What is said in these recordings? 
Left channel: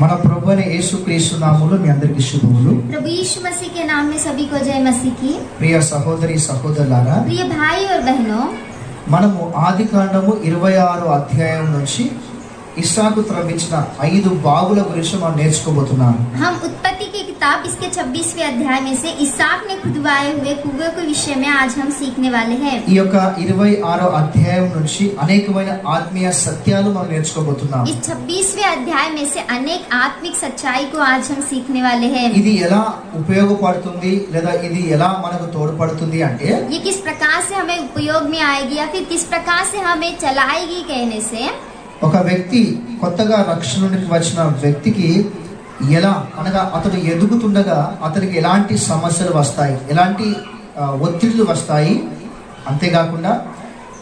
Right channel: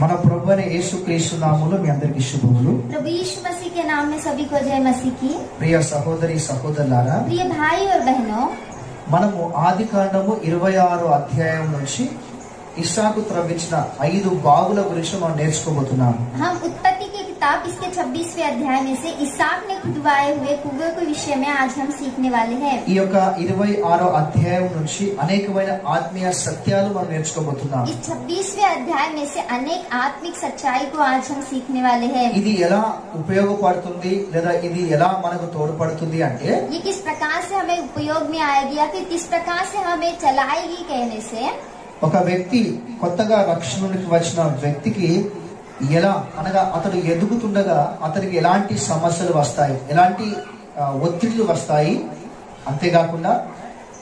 మన ప్రభువైన యేసుక్రీస్తు నామములో మీ అందరికీ శుభములు. प्रभु यीशु मसीह के नाम में सभी को जय मसीह की। ప్రియ సహోదరి సహోదరులారా, प्रिय भाई और बहनों, మనము ఆదికాండము 26వ అధ్యాయం నుంచి ఇస్సాకు త్రవ్వించిన 5 బావుల గురించి మనం నేర్చుకోబోతున్నాం. हम उत्पत्ति की किताब इसके 26वें अध्याय में से इसहाक ने खुदवाए हुए कुएं के विषय में आज हम सीखने वाले हैं। ఈ యొక్క 26వ అధ్యాయం నుంచి అనేకమైన ఆత్మీయ సత్యాలు మనం నేర్చుకోబోతున్నాం. इस 26वें अध्याय में से अनेक आत्मिक सच्चाई को आज हम सीखने वाले हैं। ఇది ఎలా ఉపయోగపడుతుంది లేదా ఇది ఎలా మనకు తోడ్పడుతుంది అంటే, ये किस प्रकार से हमें उपयोग में आएगी या फिर किस प्रकार से हमें चलाएगी कहने से, ఒక వ్యక్తి కొత్తగా రక్షణలోకి వచ్చిన వ్యక్తికి ఎలా అనగా అతడు ఎదుగుతుండగా అతనికి ఎలాంటి సమస్యలు వస్తాయి, ఎలాంటి ఒత్తిళ్లు వస్తాయి, అంతేకాకుండా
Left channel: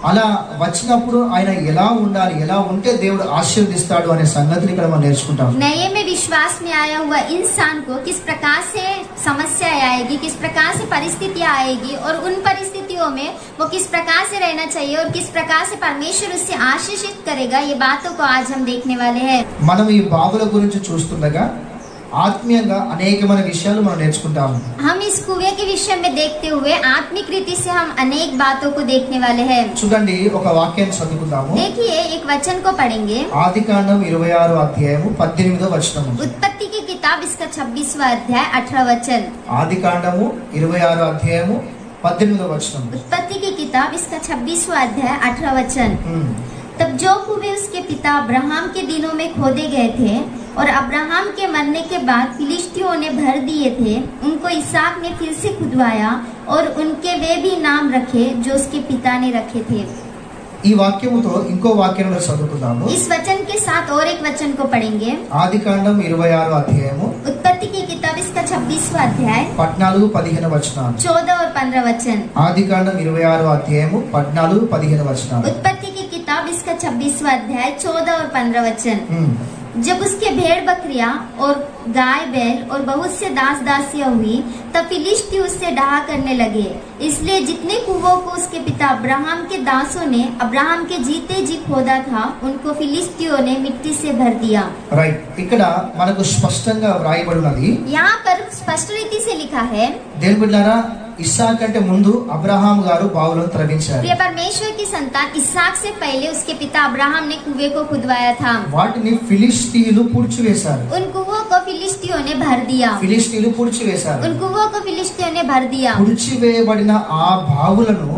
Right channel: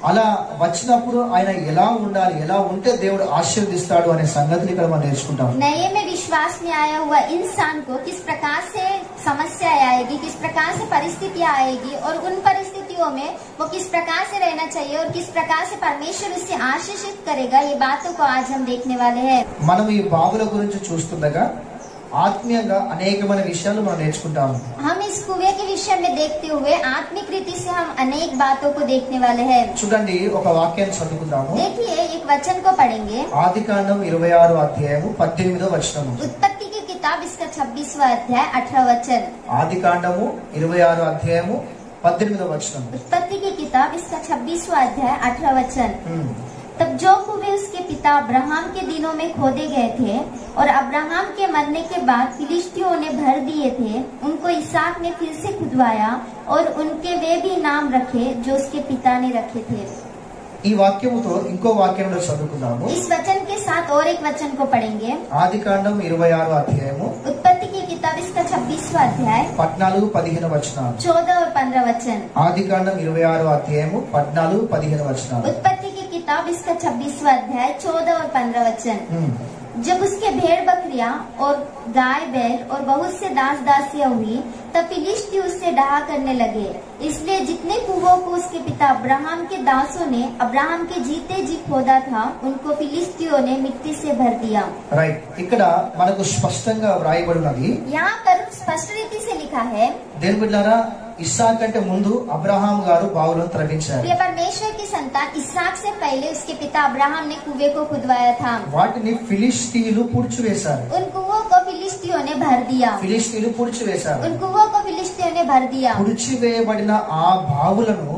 అలా వచ్చినప్పుడు ఆయన ఎలా ఉండాలి, ఎలా ఉంటే దేవుడు ఆశీర్వదిస్తాడు అనే సంగతిని ఇక్కడ మనం నేర్చుకుంటాం. नए में विश्वास में आया हुआ इंसान को किस प्रकार से समस्या आएगी, किस प्रकार से परिस्थितियां आएगी और उन परिस्थितियों में वो किस प्रकार से रहना चाहिए और किस प्रकार से परमेश्वर उससे आशीषित करेगा, ये बातों को आज हम देखने वाले हैं। మనం ఈ బావుల గురించి చూస్తుండగా ఆత్మీయంగా అనేకమైన విషయాలు మనం నేర్చుకుంటాము. हम इस कुएं के विषय में देखते हुए आत्मिक रीति से हम अनेक बातों को देखने वाले हैं। చూడండి, ఒక వాక్యాన్ని చదువుకుందాము. देखिए एक वचन को पढ़ेंगे। ఆదికాండం 26వ అధ్యాయము 18వ వచనము. उत्पत्ति की किताब इसका 26वां अध्याय 18 वचन। ఆదికాండము 26వ అధ్యాయము 18వ వచనము. उत्पत्ति की किताब इसका 26वां अध्याय 18 वचन। तब जो कुएं उसके पिता अब्राहम के दिनों में खोदे गए थे और अब्राहम के मरने के बाद फिलिस्तियों ने भर दिए थे, उनको इसहाक ने फिर से खुदवाया और उनके वे भी नाम रखे जो उसके पिता ने रखे थे। ఈ వాక్యముతో ఇంకో వాక్యాన్ని చదువుకుందాము. इस वचन के साथ और एक वचन को पढ़ेंगे। ఆదికాండం 26వ అధ్యాయము उत्पत्ति की किताब इसका 26वां अध्याय 14-15 వచనాలు. 14 और 15 वचन। ఆదికాండం 26వ అధ్యాయము 14-15 వచనాలు. उत्पत्ति की किताब इसका 26वां अध्याय 14 और 15 वचन। जब उसके भेड़ बकरियां और गाय बैल और बहुत से दास दासियां हुई, तब फिलिस्ती उससे डहा करने लगे। इसलिए जितने कुओं को उसके पिता अब्राहम के दासों ने अब्राहम के जीते जी खोदा था, उनको फिलिस्तियों ने मिट्टी से भर दिया। రైట్, ఇక్కడ మనకు స్పష్టంగా వ్రాయబడి ఉన్నది. यहाँ पर स्पष्ट रीति से लिखा है। దేవుని బిడ్డలారా, ఇస్సాకు కంటే ముందు అబ్రహాం గారు బావులను త్రవ్వించారు. प्रिय परमेश्वर की संतान इसहाक से पहले उसके पिता अब्राहम ने कुएं को खुदवाया था। వాటిని ఫిలిస్తీయులు పూడ్చివేశారు. उन कुओं को फिलिस्तियों ने भर दिया। ఫిలిస్తీయులు పూడ్చివేశారు. उन कुओं को फिलिस्तियों ने भर दिया। పూడ్చివేయబడిన ఆ బావులను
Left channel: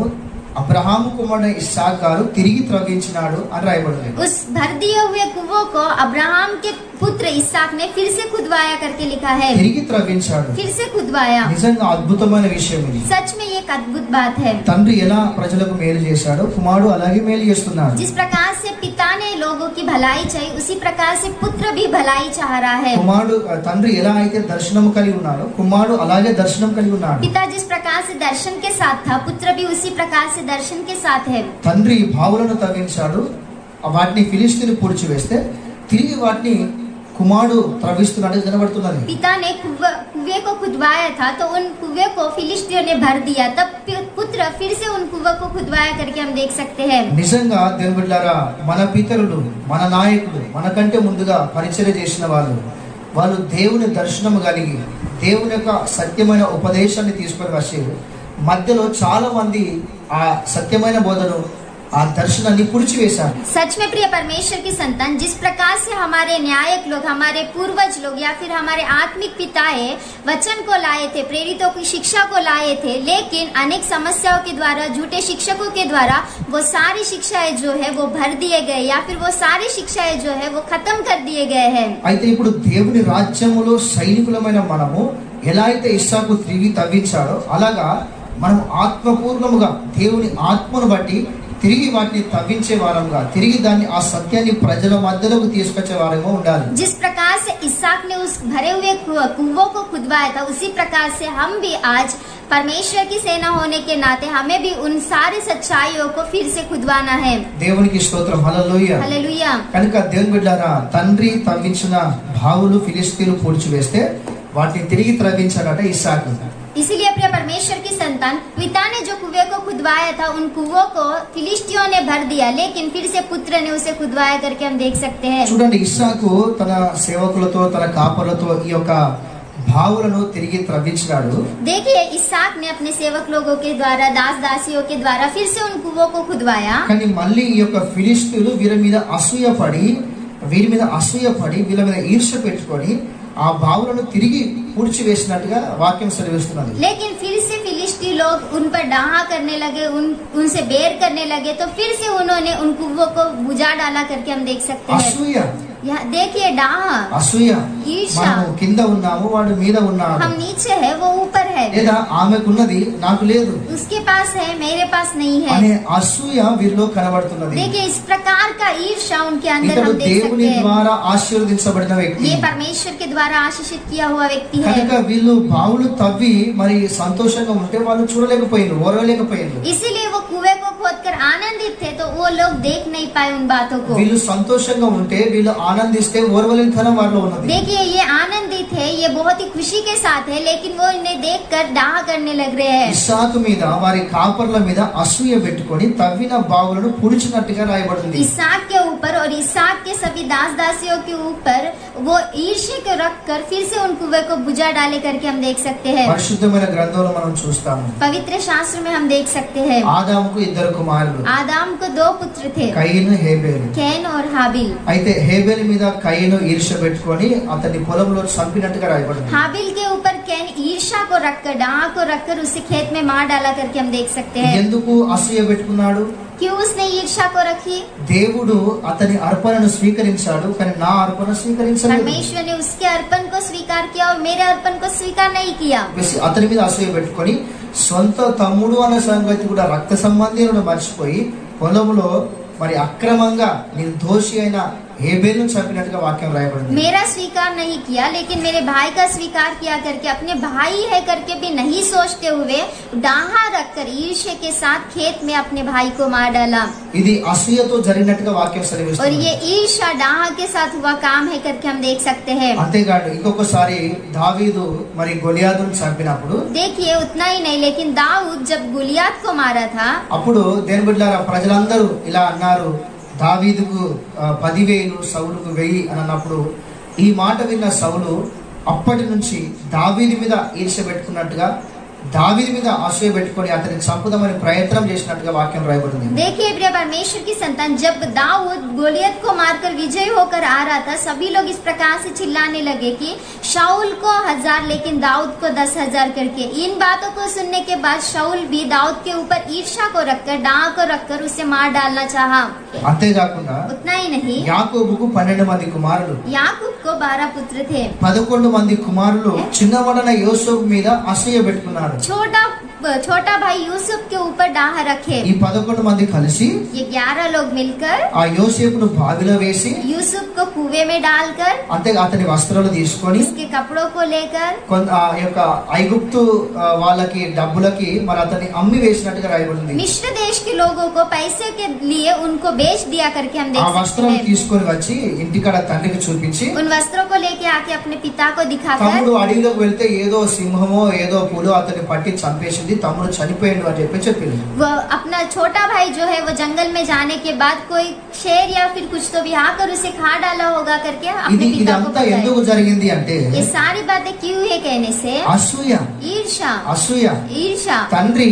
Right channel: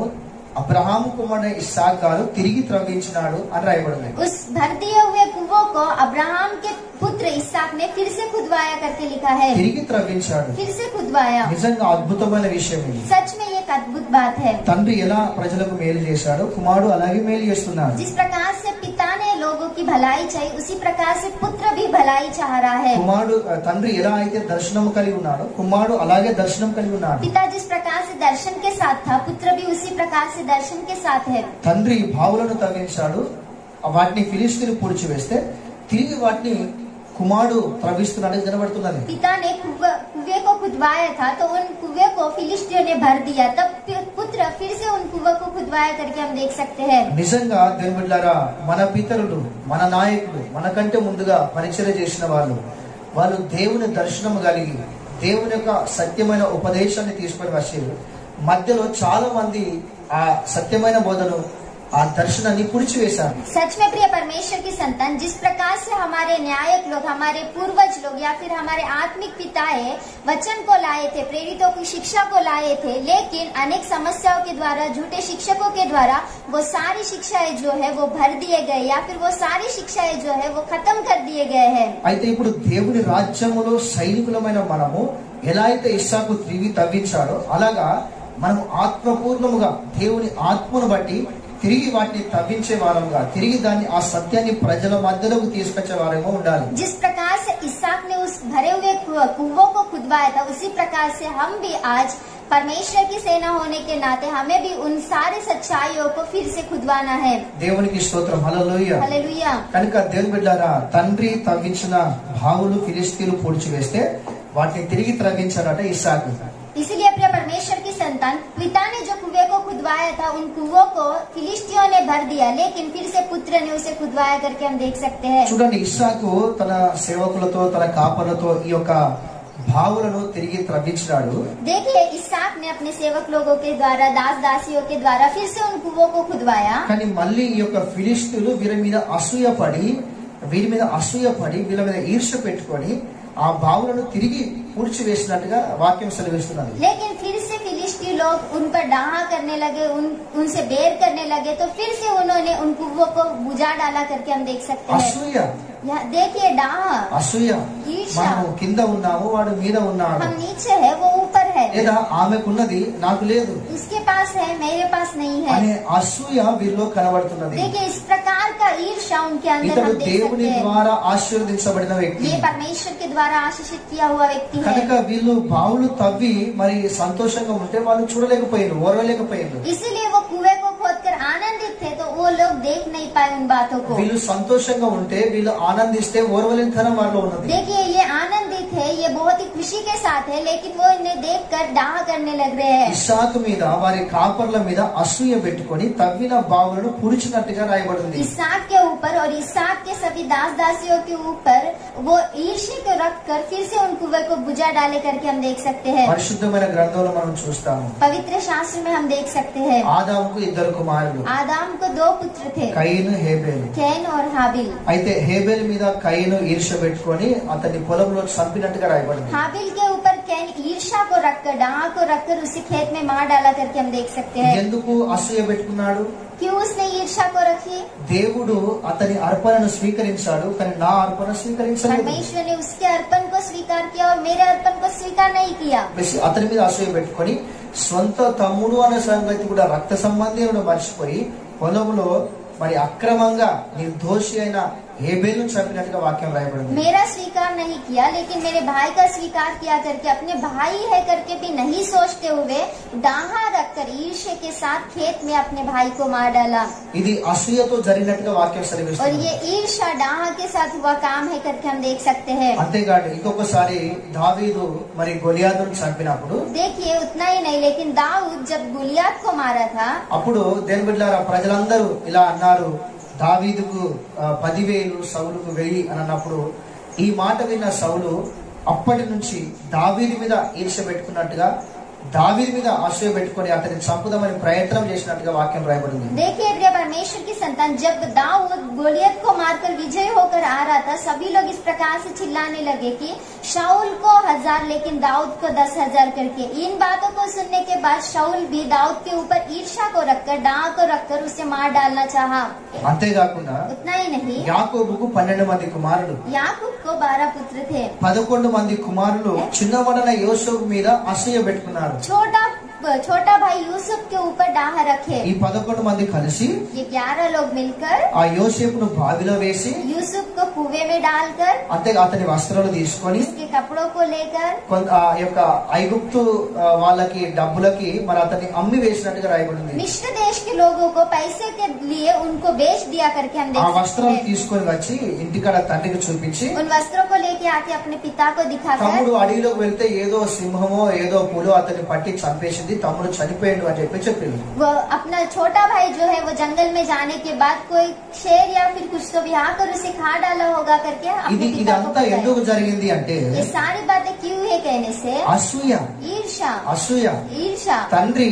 అబ్రహాం కుమారుడు ఇస్సాకు గారు తిరిగి త్రవ్వించినాడు అని రాయబడింది. उस भर दिए हुए कुओं को अब्राहम के पुत्र इसहाक ने फिर से खुदवाया करके लिखा है। తిరిగి త్రవ్వించాడు. फिर से खुदवाया। నిజంగా అద్భుతమైన విషయం ఇది. सच में ये एक अद्भुत बात है। తండ్రి ఎలా ప్రజలకు మేలు చేశాడో కుమారుడు అలాగే మేలు చేస్తున్నాడు. जिस प्रकार से पिता ने लोगों की भलाई चाहिए, उसी प्रकार से पुत्र भी भलाई चाह रहा है। కుమారుడు తండ్రి ఎలా అయితే దర్శనం కలిగి ఉన్నాడో కుమారుడు అలాగే దర్శనం కలిగి ఉన్నాడు. पिता जिस प्रकार से दर्शन के साथ था, पुत्र भी उसी प्रकार से दर्शन के साथ है। తండ్రి బావులను తవ్వించాడు, వాటిని ఫిలిస్తీయులు పూడ్చివేస్తే తిరిగి వాటిని కుమారుడు త్రవ్విస్తున్నాడు కనబడుతున్నది. पिता ने कुएं को खुदवाया था, तो उन कुएं को फिलिस्तियों ने भर दिया। तब पुत्र फिर से उन कुएं को खुदवाया करके हम देख सकते हैं। నిజంగా దేవుని బిడ్డలారా, మన పితరులు, మన నాయకులు, మనకంటే ముందుగా పరిచర్య చేసిన వాళ్ళు దేవుని దర్శనం కలిగి దేవుని యొక్క సత్యమైన ఉపదేశాన్ని తీసుకొని వచ్చి మధ్యలో చాలా మంది ఆ సత్యమైన బోధను, ఆ దర్శనాన్ని పుడిచివేశారు. सच में प्रिय परमेश्वर की संतान, जिस प्रकार से हमारे न्यायक लोग, हमारे पूर्वज लोग या फिर हमारे आत्मिक पिताएं वचन को लाए थे, प्रेरितों की शिक्षा को लाए थे, लेकिन अनेक समस्याओं के द्वारा, झूठे शिक्षकों के द्वारा वो सारी शिक्षाएं जो है वो भर दिए गए या फिर वो सारी शिक्षाएं जो है वो खत्म कर दिए गए हैं। అయితే ఇప్పుడు దేవుని రాజ్యములో సైనికులమైన మనము ఎలా అయితే ఇస్సాకు తిరిగి తవ్వించాడో అలాగా మనం ఆత్మపూర్ణముగా దేవుని ఆత్మను బట్టి తిరిగి వాటిని తవ్వించే వారంగా, తిరిగి దాన్ని ఆ సత్యాన్ని ప్రజల మధ్యలోకి తీసుకొచ్చే వారంగా ఉండాలి. जिस प्रकार से इसहाक ने उस भरे हुए कुओं को खुदवाया था, उसी प्रकार से हम भी आज परमेश्वर की सेना होने के नाते हमें भी उन सारी सच्चाइयों को फिर से खुदवाना है। దేవునికి స్తోత్రం, హల్లెలూయా. हालेलुया। కనుక దేవుని బిడ్డలారా, తండ్రి తవ్వించిన బావులు ఫిలిస్తీయులు పూడ్చివేస్తే వాటిని తిరిగి త్రవ్వించాడట ఇస్సాకు. इसीलिए प्रिय परमेश्वर की संतान, पिता ने जो कुएं को खुदवाया खुदवाया था उन कुओं को फिलिस्तियों ने भर दिया, लेकिन फिर से पुत्र ने उसे खुदवाया करके हम देख सकते हैं। చూడండి, ఇస్సాకు తన సేవకులతో తన కాపరులతో ఈ యొక్క భావులను తిరిగి త్రవ్వించాడు. देखिए, इसहाक ने अपने सेवक लोगों के द्वारा, दास दासियों के द्वारा फिर से उन कुओं को खुदवाया। కానీ మళ్ళీ ఈ యొక్క ఫిలిష్తీయులు వీరి మీద అసూయపడి వీళ్ళ మీద ఈర్ష్య పెట్టుకొని ఆ భావులను తిరిగి పూడ్చివేసినట్టుగా వాక్యం సెలవిస్తున్నది. लेकिन फिर से फिलिस्ती लोग उन पर डाहा करने लगे, उनसे बेर करने लगे, तो फिर से उन्होंने उन कुओं को बुझा डाला करके हम देख सकते हैं। అసూయ, देखिए, डाहा, అసూయ, ईर्ष्या, మనం కింద ఉన్నాము, వాడు మీద ఉన్నాడు, हम नीचे है, वो ऊपर है, లేదా ఆమెకున్నది నాకు లేదు, उसके पास है, मेरे पास नहीं है, అనే అసూయ వీరిలో కనబడుతున్నది. देखिए, इस प्रकार का ईर्ष्या उनके अंदर ఇతడు हम देख దేవుని सकते हैं। ద్వారా ఆశీర్వదించబడిన వ్యక్తి. ये परमेश्वर के द्वारा आशीषित किया हुआ व्यक्ति है। కనుక వీళ్ళు బావులు తవ్వి మరి సంతోషంగా ఉంటే వాళ్ళు చూడలేకపోయారు, ఓర్వలేకపోయారు. इसीलिए वो कुएं को खोदकर आनंदित थे, तो वो लोग देख नहीं पाए उन बातों को। వీళ్ళు సంతోషంగా ఉంటే, వీళ్ళు ఆనందిస్తే ఓర్వలేనితనం వారిలో ఉన్నది. देखिए, ये आनंदित है, ये बहुत ही खुशी के साथ है, लेकिन वो इन्हें देखकर डाह करने लग रहे हैं। ఇస్సాకు మీద వారి కాపర్ల మీద అసూయ పెట్టుకొని తవ్విన బావులను పుడిచినట్టుగా రాయబడింది. इसहाक के ऊपर और इसहाक के सभी दास दासियों के ऊपर वो ईर्ष्या को रखकर फिर से उन कुएं को बुझा डाले करके हम देख सकते हैं। పరిశుద్ధమైన గ్రంథంలో మనం చూస్తాము, पवित्र शास्त्र में हम देख सकते हैं, ఆదాముకు ఇద్దరు కుమారులు, आदाम को 2 पुत्र थे, కయీను, హేబేలు. कैन और हाबिल। అయితే హేబేలు మీద కయీను ఈర్ష్య పెట్టుకొని అతన్ని పొలంలో చంపినట్టుగా రాయబడింది. हाबिल के ऊपर कैन ईर्ष्या को रखकर, डाह को रखकर उसे खेत में मार डाला करके हम देख सकते हैं। ఎందుకు అసూయ పెట్టుకున్నాడు? क्यों उसने ईर्ष्या को रखी? దేవుడు అతని అర్పణను స్వీకరించాడు, కానీ నా అర్పణ స్వీకరించలేదు. परमेश्वर ने उसके अर्पण को स्वीकार किया और मेरे अर्पण को स्वीकार नहीं किया। అతని మీద అసూయ పెట్టుకొని సొంత తమ్ముడు అనే సంగతి కూడా, రక్త సంబంధి మర్చిపోయి పొలంలో మరి అక్రమంగా నిర్దోషి అయిన हेबेल चंपिनట్టుగా వాక్యం రాయబడింది. मेरा स्वीकार नहीं किया लेकिन मेरे भाई का स्वीकार किया करके अपने भाई है करके भी नहीं सोचते हुए डाहा रखकर ईर्ष्या के साथ खेत में अपने भाई को मार डाला. ఇది అసూయతో జరిగినట్టుగా వాక్యం సెలవిస్తుంది. और ये ईर्ष्या डाहा के साथ हुआ काम है करके हम देख सकते हैं. అంతేకాదు ఇంకొకసారి దావీదు మరి గొలియాతును చంపినప్పుడు देखिए उतना ही नहीं लेकिन दाऊद जब गुलियात को मारा था అప్పుడు దేని బిడ్డలారా ప్రజలందరూ ఇలా అన్నారు, దావీదుకు 10,000 సౌలుకు 1000 అని అన్నప్పుడు ఈ మాట విన్న సౌలు అప్పటి నుంచి దావీదు మీద ఈర్ష్య పెట్టుకున్నట్టుగా दावीद మీద ఆశయ పెట్టుకొని అతన్ని చంపుదామని ప్రయత్నం చేసినట్టుగా వాక్యం రాయబడింది. देखिए प्रिय परमेश्वर की संतान, जब दाऊद गोलियत को मारकर विजय होकर आ रहा था सभी लोग इस प्रकार से चिल्लाने लगे कि शाऊल को 1000 लेकिन दाऊद को 10,000 करके. इन बातों को सुनने के बाद शाऊल भी दाऊद के ऊपर ईर्ष्या को रखकर डाह को रखकर उसे मार डालना चाहा. అంతేకాకుండా उतना ही नहीं, యాకోబుకు 12 మంది కుమారులు, याकूब को 12 पुत्र थे. 11 మంది కుమారులు చిన్నవాడైన యోసేపు మీద అసూయ పెట్టుకున్నారు. छोटा भाई यूसुफ के ऊपर डाह रखे. ఈ 11 మంది కలిసి ये 11 लोग मिलकर ఆ యోసేపును బావిలో వేసి यूसुफ को कुएं में डालकर అంతే అతని వస్త్రాలు తీసుకొని उसके कपड़ों को लेकर ఆ యొక్క ఐగుప్తు వాళ్ళకి డబ్బులకి మరి అతన్ని అమ్మి వేసినట్టుగా రాయబడింది. मिस्र देश के लोगों को पैसे के लिए उनको बेच दिया करके हम ఆ देख सकते వస్త్రం हैं. తీసుకొని వచ్చి ఇంటికాడ తండ్రికి చూపించి उन वस्त्रों को लेके आके अपने पिता को दिखाकर తమ్ముడు అడవిలోకి వెళ్తే ఏదో సింహమో ఏదో పులో అతన్ని పట్టి చంపేసింది, తమ్ముడు చనిపోయాడు అని చెప్పింది. वो अपना छोटा भाई जो है वो जंगल में जाने के बाद कोई शेर या फिर कुछ तो भी आकर उसे खा डाला होगा करके अपने पिता को ఇదంతా ఎందుకు बताया. జరిగింది అంటే ये सारी बातें क्यों है कहने से అసూయ. ईर्ष्या అసూయ తండ్రి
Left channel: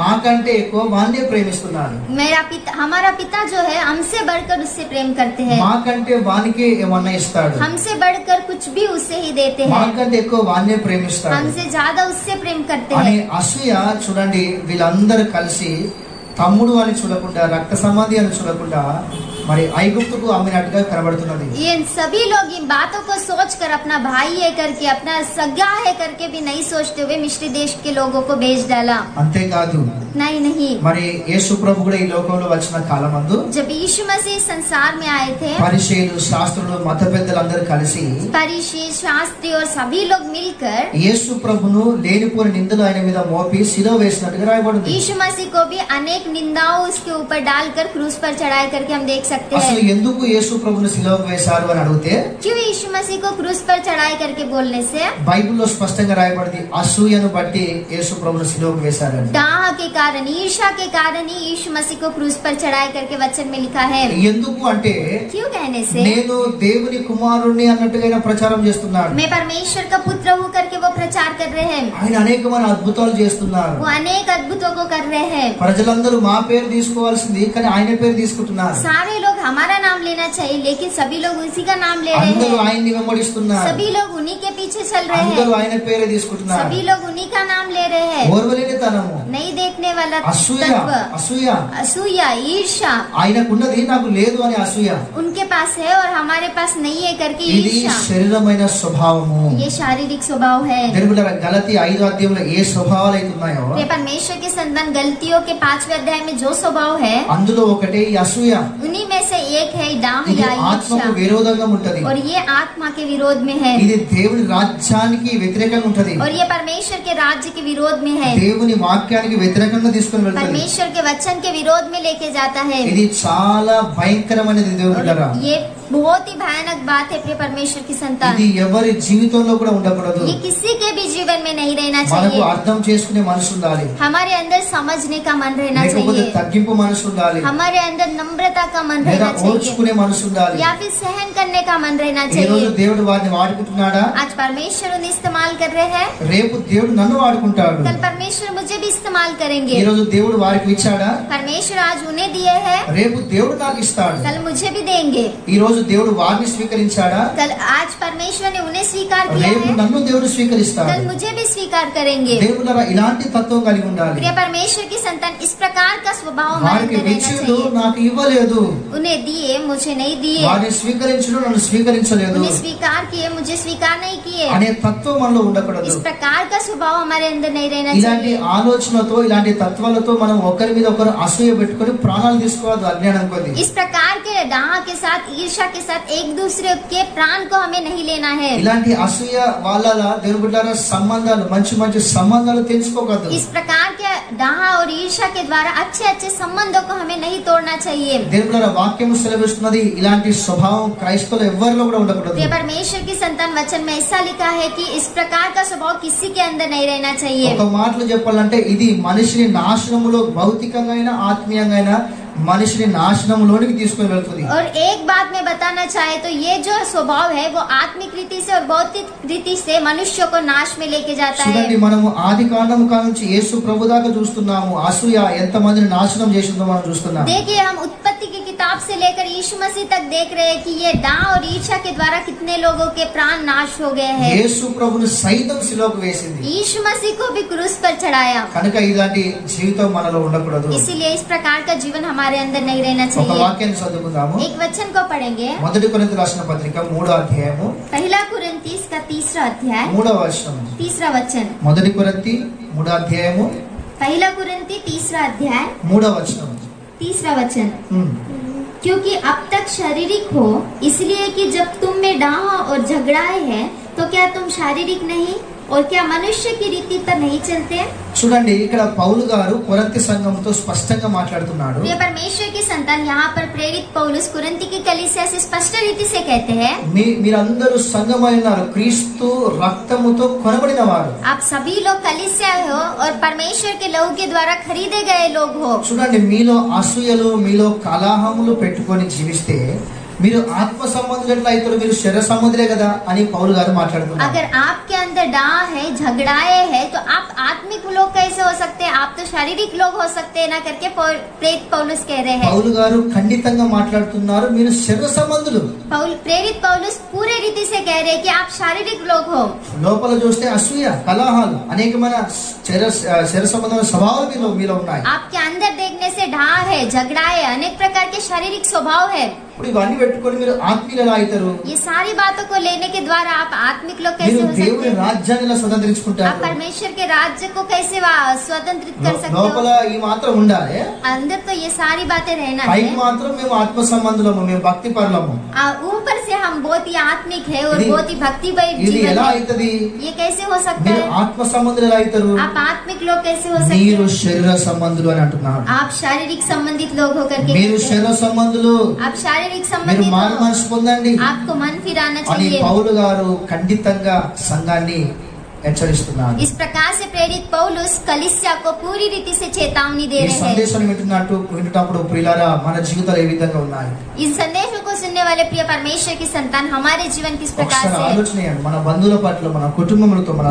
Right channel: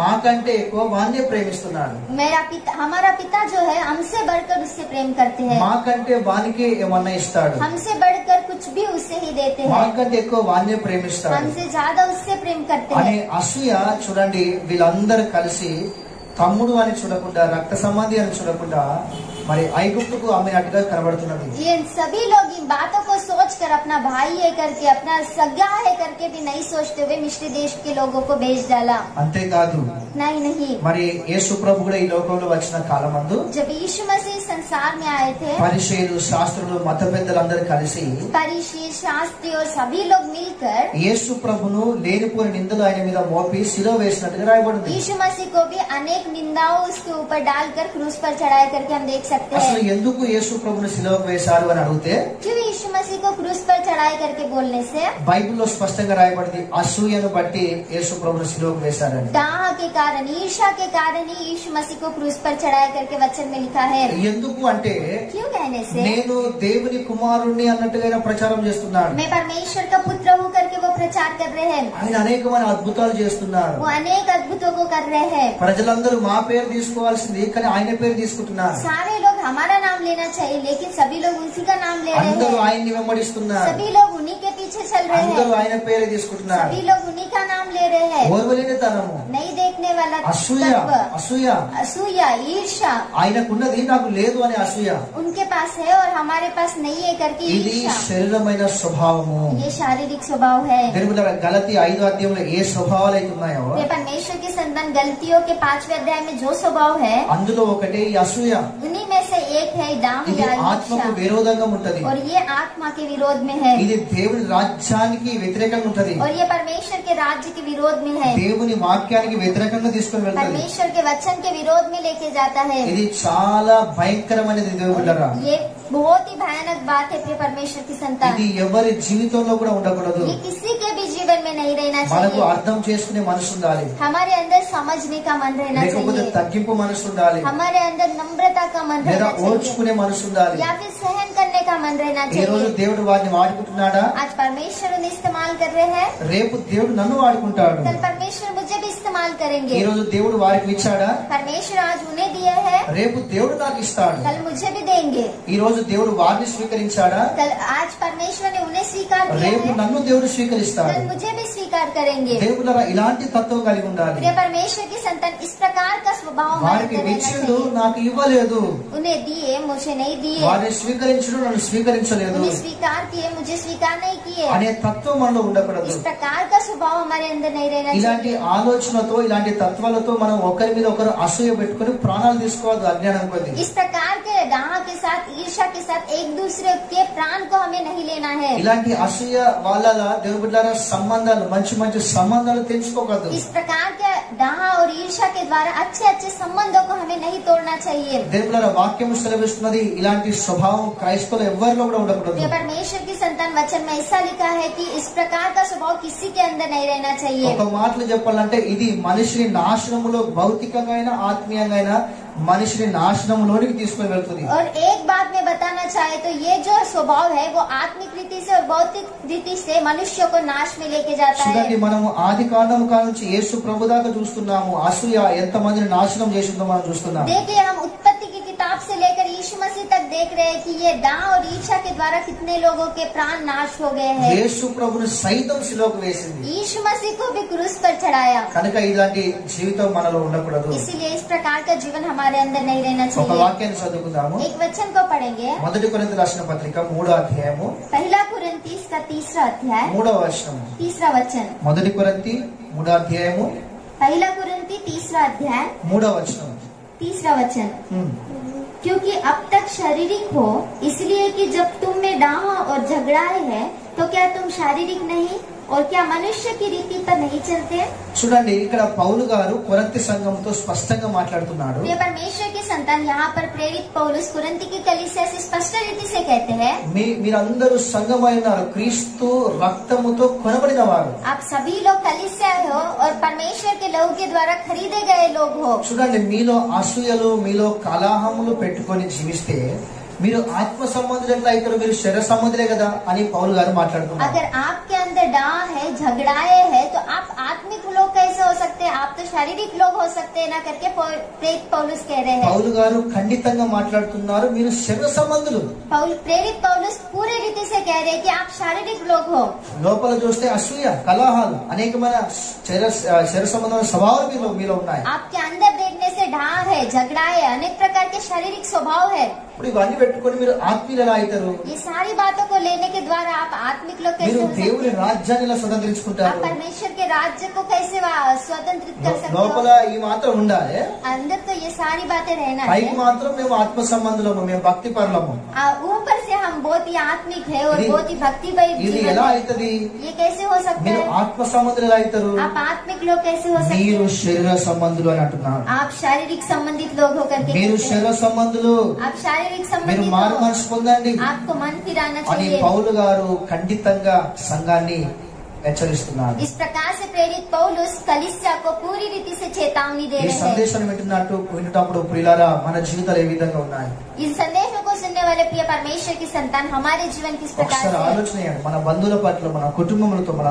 మాకంటే ఎక్కువ వాన్నే ప్రేమిస్తున్నాడు. मेरा पिता, हमारा पिता जो है हमसे बढ़कर उससे प्रेम करते हैं. మాకంటే వానికే ఏమన్నా ఇస్తాడు, हमसे बढ़कर कुछ भी उससे ही देते हैं. మాకంటే ఎక్కువ వాన్నే ప్రేమిస్తాడు हमसे ज्यादा उससे प्रेम करते అనే हैं. అసూయ చూడండి. వీళ్ళందరూ కలిసి తమ్ముడు అని చూడకుండా, రక్త సంబంధి అని చూడకుండా మరి ఐగుప్తుకు అమ్మినట్టుగా కనబడుతున్నది. ये सभी लोग इन बातों को सोचकर अपना भाई है करके अपना सगा है करके भी नहीं सोचते हुए मिस्र देश के लोगों को बेच डाला. అంతేకాదు नहीं మరి యేసు ప్రభు కూడా ఈ లోకంలో వచ్చిన కాలమందు जब यीशु मसीह संसार में आए थे పరిసయ్యులు, శాస్త్రులు, మత పెద్దలందరూ కలిసి फरीसी, शास्त्री और सभी लोग मिलकर యేసు ప్రభును లేనిపోని నిందలు ఆయన మీద మోపి శిలువ వేసినట్టుగా రాయబడింది. यीशु मसीह को भी अनेक निंदाओं उसके ऊपर डालकर क्रूस पर चढ़ाए करके हम देख सकते అసలు हैं. ఎందుకు యేసు ప్రభును శిలువకు వేశారు అని అడిగితే क्यों यीशु मसीह को क्रूस पर चढ़ाई करके बोलने से బైబిల్లో స్పష్టంగా రాయబడింది అసూయను బట్టి యేసు ప్రభువును సిలువకు వేశారని. डाह के कारण, ईर्ष्या के कारण ही यीशु मसीह को क्रूस पर चढ़ाई करके वचन में लिखा है. ఎందుకు అంటే क्यों कहने से నేను దేవుని కుమారుణ్ణి అన్నట్టుగా ప్రచారం చేస్తున్నాడు. मैं परमेश्वर का पुत्र हूँ करके वो प्रचार कर रहे हैं. ఆయన అనేకమైన అద్భుతాలు చేస్తున్నారు. वो अनेक अद्भुतों को कर रहे हैं. ప్రజలందరూ మా పేరు తీసుకోవాల్సింది కానీ ఆయన పేరు తీసుకుంటున్నారు. सारे लोग हमारा नाम लेना चाहिए लेकिन सभी लोग उसी का नाम ले रहे అందరూ हैं. ఆయన్ని వెంబడిస్తున్నారు. सभी लोग उन्हीं के पीछे चल रहे అందరూ हैं. ఆయన పేరే తీసుకుంటున్నారు. सभी लोग उन्हीं का नाम ले रहे हैं. ఓర్వలేనితనము, नहीं देखने वाला అసూయ, तत्व, అసూయ असूया, ईर्ष्या ఆయనకున్నది నాకు లేదు అని అసూయ. उनके पास है और हमारे पास नहीं है करके ఇది ईर्ष्या. శరీరమైన స్వభావము. ये शारीरिक स्वभाव है. దేవుని గలతీ 5వ అధ్యాయంలో ఏ స్వభావాలు అయితే ఉన్నాయో ये परमेश्वर की संतान गलतियों के 5वें अध्याय में जो स्वभाव है అందులో ఒకటే ఈ అసూయ. उन्हीं में से एक है डाह ఇది या ఆత్మకు ईर्ष्या విరోధంగా ఉంటది. और ये आत्मा के विरोध में है ఇది దేవుని రాజ్యానికి వ్యతిరేకంగా ఉంటది. और ये परमेश्वर के राज्य के विरोध में है. దేవుని వాక్యానికి వ్యతిరేకంగా తీసుకొని వెళ్తది. परमेश्वर के वचन के विरोध में लेके जाता है. ఇది చాలా భయంకరమైనది దేవుని బిడ్డలారా. ये बहुत ही भयानक बात है प्रिय परमेश्वर की संतान. ఇది ఎవరి జీవితంలో కూడా ఉండకూడదు. ये किसी के भी जीवन में नहीं रहना మనకు चाहिए. అర్థం చేసుకునే మనసు ఉండాలి. हमारे अंदर समझने का मन रहना లేకపోతే चाहिए. తగ్గింపు మనసు ఉండాలి. हमारे अंदर नम्रता का मन లేదా रहना चाहिए ఓర్చుకునే మనసు ఉండాలి. या फिर सहन करने का मन रहना ఈ రోజు चाहिए. దేవుడు వారిని వాడుకుంటున్నాడా? आज परमेश्वर उन्हें इस्तेमाल कर रहे हैं, రేపు దేవుడు నన్ను వాడుకుంటాడు. कल परमेश्वर मुझे भी इस्तेमाल ఈ करेंगे. రోజు దేవుడు వారికి ఇచ్చాడా? परमेश्वर आज उन्हें दिए हैं, రేపు దేవుడు నాకు ఇస్తాడు. कल मुझे भी देंगे. ఈ రోజు దేవుడు వారిని స్వీకరించాడా? कल आज परमेश्वर ने उन्हें स्वीकार किया రేపు है, నన్ను దేవుడు స్వీకరిస్తాడు. कल मुझे भी स्वीकार करेंगे. దేవుడు ఇలాంటి తత్వం కలిగి ఉండాలి. प्रिय परमेश्वर की संतान इस प्रकार का स्वभाव हमारे వారికి अंदर रहना ఇచ్చిండు, चाहिए. నాకు ఇవ్వలేదు. उन्हें दिए, मुझे नहीं दिए. వారిని స్వీకరించడు, నన్ను స్వీకరించలేదు उन्हें स्वीकार किए, मुझे स्वीकार नहीं किए. అనే తత్వం మనలో ఉండకూడదు. इस प्रकार का स्वभाव हमारे अंदर नहीं रहना ఇలాంటి चाहिए. ఆలోచనతో, ఇలాంటి తత్వాలతో మనం ఒకరి మీద ఒకరు అసూయ పెట్టుకొని ప్రాణాలు తీసుకోవద్దు అజ్ఞానం కొద్ది. इस प्रकार के डाह के साथ, ईर्ष्या के साथ एक दूसरे के प्राण को हमें नहीं लेना है. ఇలాంటి అసూయ వాళ్ళ దేవుని బిడ్డలారా సంబంధాలు, మంచి మంచి సంబంధాలు తెంచుకోకూడదు. इस प्रकार के डाह और ईर्ष्या के द्वारा अच्छे अच्छे संबंधों को हमें नहीं तोड़ना चाहिए. దేవుని బిడ్డలారా వాక్యం సెలవిస్తున్నది ఇలాంటి స్వభావం క్రైస్తవులు ఎవరిలో కూడా ఉండకూడదు. प्रिय परमेश्वर की संतान वचन में ऐसा लिखा है कि इस प्रकार का स्वभाव किसी के अंदर नहीं रहना चाहिए. ఒక మాటలో చెప్పాలంటే ఇది మనిషిని నాశనములో, భౌతికంగా అయినా ఆత్మీయంగా అయినా మనిషిని నాశనంలోనికి తీసుకొని వెళ్తుంది. और एक बात मैं बताना चाहे तो ये जो स्वभाव है वो आत्मिक रीति से और भौतिक रीति से मनुष्य को नाश में लेके जाता చూడండి, है. మనము ఆది కాండము కానుంచి యేసు ప్రభు దాకా చూస్తున్నాము. అసూయ ఎంత మందిని నాశనం చేసిందో మనం చూస్తున్నాము. देखिए, हम उत्पत्ति की किताब से लेकर यीशु मसीह तक देख रहे हैं कि ये डाह और ईर्ष्या के द्वारा कितने लोगों के प्राण नाश हो गए हैं. యేసు ప్రభుని సైతం శిలోకు వేసింది. यीशु मसीह को भी क्रूस पर चढ़ाया. కనుక ఇలాంటి జీవితం మనలో ఉండకూడదు. इसीलिए इस प्रकार का जीवन हमारे अंदर नहीं रहना ఒక चाहिए. వాక్యాన్ని చదువుకుందాము. एक वचन को पढ़ेंगे. మొదటి కొరింథీ రాసిన పత్రిక 3వ అధ్యాయము पहला कुरिन्थियों का 3रा अध्याय 3వ వచనం. 3रा वचन. మొదటి కొరింథీ 3వ అధ్యాయము पहला कुरिन्थी 3रा अध्याय 3వ వచనం. 3रा वचन. ఉమ్. क्योंकि अब तक शारीरिक हो, इसलिए कि जब तुम में डाह और झगड़ाए है तो क्या तुम शारीरिक नहीं और क्या मनुष्य की रीति पर नहीं चलते? చూడండి, ఇక్కడ పౌలు గారు కొరింథీ సంఘంతో స్పష్టంగా మాట్లాడుతున్నాడు. ये परमेश्वर की संतान यहाँ पर प्रेरित पौलुस कुरिन्थी की कलीसिया से स्पष्ट रीति से कहते हैं, మీరందరూ సంఘమై ఉన్నారు, క్రీస్తు రక్తముతో కొనబడిన వారు. आप सभी लोग कलीसिया हो और परमेश्वर के लहू के द्वारा खरीदे गए लोग हो. చూడండి, మీలో అసూయలు, మీలో కలహములు పెట్టుకొని జీవిస్తే మీరు ఆత్మ సంబంధులు ఎట్లా అవుతారు? మీరు శరీర సంబంధులే కదా అని పౌలు గారు మాట్లాడుతున్నారు. अगर आपके अंदर डाह है, झगड़ाए है तो आप आत्मिक लोग कैसे हो सकते हैं? आप तो शारीरिक लोग हो सकते हैं ना करके प्रेरित पौलुस कह रहे हैं. పౌలు గారు ఖండితంగా మాట్లాడుతున్నారు, మీరు శరీర సంబంధులు. प्रेरित पौलुस पूरे रीति से कह रहे हैं कि आप शारीरिक लोग हो. లోపల చూస్తే అసూయ, కలహాలు, అనేకమైన శరీర సంబంధమైన స్వభావాలు మీలో ఉన్నాయి. आपके अंदर देखने से डाह है, झगड़ा है, अनेक प्रकार के शारीरिक स्वभाव है. ఇప్పుడు ఇవన్నీ పెట్టుకొని మీరు ఆత్మీయులు ఎలా అవుతారు? ये सारी बातों को लेने के द्वारा आप आत्मिक लोग మీరు कैसे हो सकते దేవుని हैं? రాజ్యాన్ని ఎలా आप స్వతంత్రించుకుంటారు? परमेश्वर के राज्य को कैसे स्वतंत्रित कर सकते లోపల हो? ఈ మాత్రం ఉండాలి, अंदर तो ये सारी बातें रहना పైకి है. మాత్రం మేము ఆత్మ సంబంధులము, మేము భక్తి పరులము. ऊपर से हम हम बहुत ही आत्मिक है और ఇది- बहुत ही भक्तिमय ఇది जीवन ఎలా है। అవుతుంది? ये कैसे हो सकता మీరు है? ఆత్మ సంబంధులు ఎలా అవుతారు? आप आत्मिक लोग कैसे हो सकते మీరు हैं? శరీర సంబంధులు అని అంటున్నారు. आप शारीरिक संबंधित लोग होकर के మీరు कहते हैं। శరీర సంబంధులు, आप शारीरिक మీరు संबंधित మారు हो। మనసు పొందండి आपको मन फिराना అని चाहिए। పౌలు గారు ఖండితంగా సంఘాన్ని హెచ్చరిస్తున్నారు. इस प्रकार से प्रेरित पौलुस कलीसिया को पूरी रीति से चेतावनी दे ఈ रहे हैं। సందేశాన్ని వింటున్నప్పుడు ప్రియులారా మన జీవితాలు ఏ విధంగా ఉన్నాయి? इन संदेशों को सुनने वाले प्रिय परमेश्वर की संतान हमारे जीवन किस प्रकार ఒకసారి से है? ఆలోచన చేయండి. మన బంధువుల పట్ల, మన కుటుంబములతో, మన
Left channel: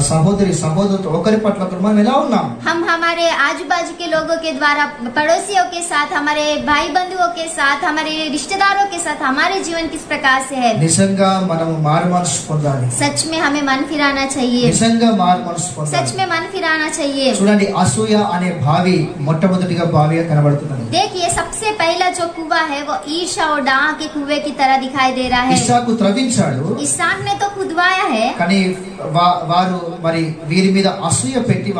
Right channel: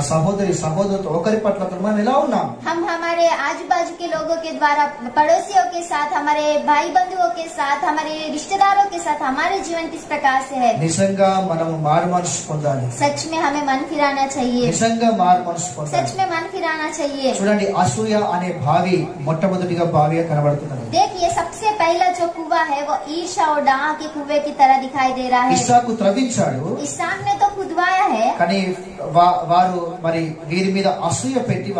సహోదరులతో ఒకరి పట్ల ఒకరు మనం ఎలా ఉన్నాం? हम हमारे आजू बाजू के लोगों के द्वारा, पड़ोसियों के साथ, हमारे भाई बंधुओं के साथ, हमारे रिश्तेदारों के साथ हमारे जीवन किस प्रकार से है? నిజంగా మనం మారు మనసు పొందాలి. सच में हमें मन फिराना चाहिए। నిజంగా మారు మనసు सच పొందాలి. में मन फिराना चाहिए। చూడండి, అసూయ అనే భావి మొట్టమొదటిగా భావిగా కనబడుతున్నది. देखिए, सबसे पहला जो कुआं है वो ईर्ष्या और डाह के कुएं की तरह दिखाई दे रहा है। ఇస్సాకు త్రవ్వించాడు, इसहाक ने तो खुदवाया है, కానీ వారు మరి వీరి మీద అసూయ పెట్టి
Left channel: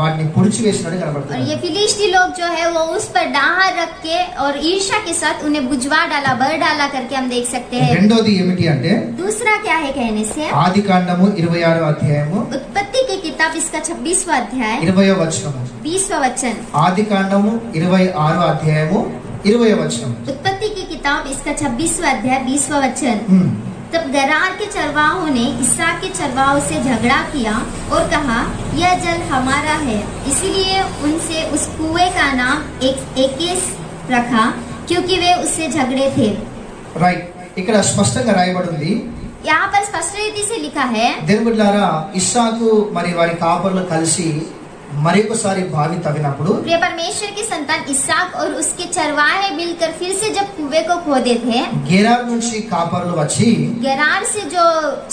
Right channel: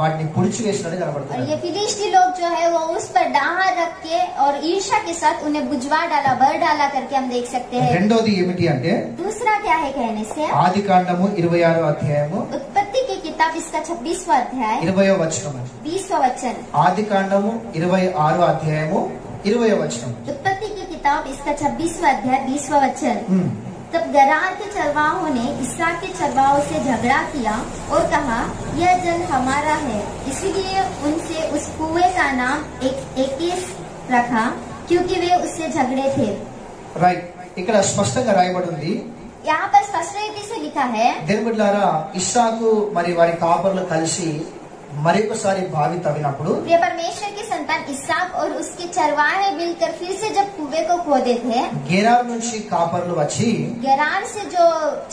వాటిని పుడిచి వేసినట్టు और కనబడుతుంది. ये फिलिस्ती लोग जो है वो उस पर डाह रख के और ईर्ष्या के साथ उन्हें बुझवा डाला, भर डाला करके हम देख सकते हैं। రెండోది ఏమిటి అంటే दूसरा क्या है कहने से? ఆది కాండము 26వ అధ్యాయము उत्पत्ति की किताब इसका 26वां अध्याय 20వ వచనము. 20वां वचन। ఆది కాండము 26వ అధ్యాయము 20వ వచనం. उत्पत्ति की किताब इसका 26वां अध्याय 20वां वचन। హ్మ్. तब गरार के चरवाहों ने इसहाक के चरवाहों से झगड़ा किया और कहा, यह जल हमारा है। इसीलिए उनसे उस कुएं का नाम एकेस रखा, क्योंकि वे उससे झगड़े थे। రైట్, ఇక్కడ స్పష్టంగా రాయబడి ఉంది. यहाँ पर स्पष्ट रीति से लिखा है, దేవుని బిడ్డలారా, ఇస్సాకు మరి వారి కాపర్లు కలిసి మరొకసారి బావి తవ్వినప్పుడు प्रिय परमेश्वर की संतान इसहाक और उसके चरवाहे मिलकर फिर से जब कुएं को खोदे थे, గెరార్ నుంచి కాపర్లు వచ్చి गरार से जो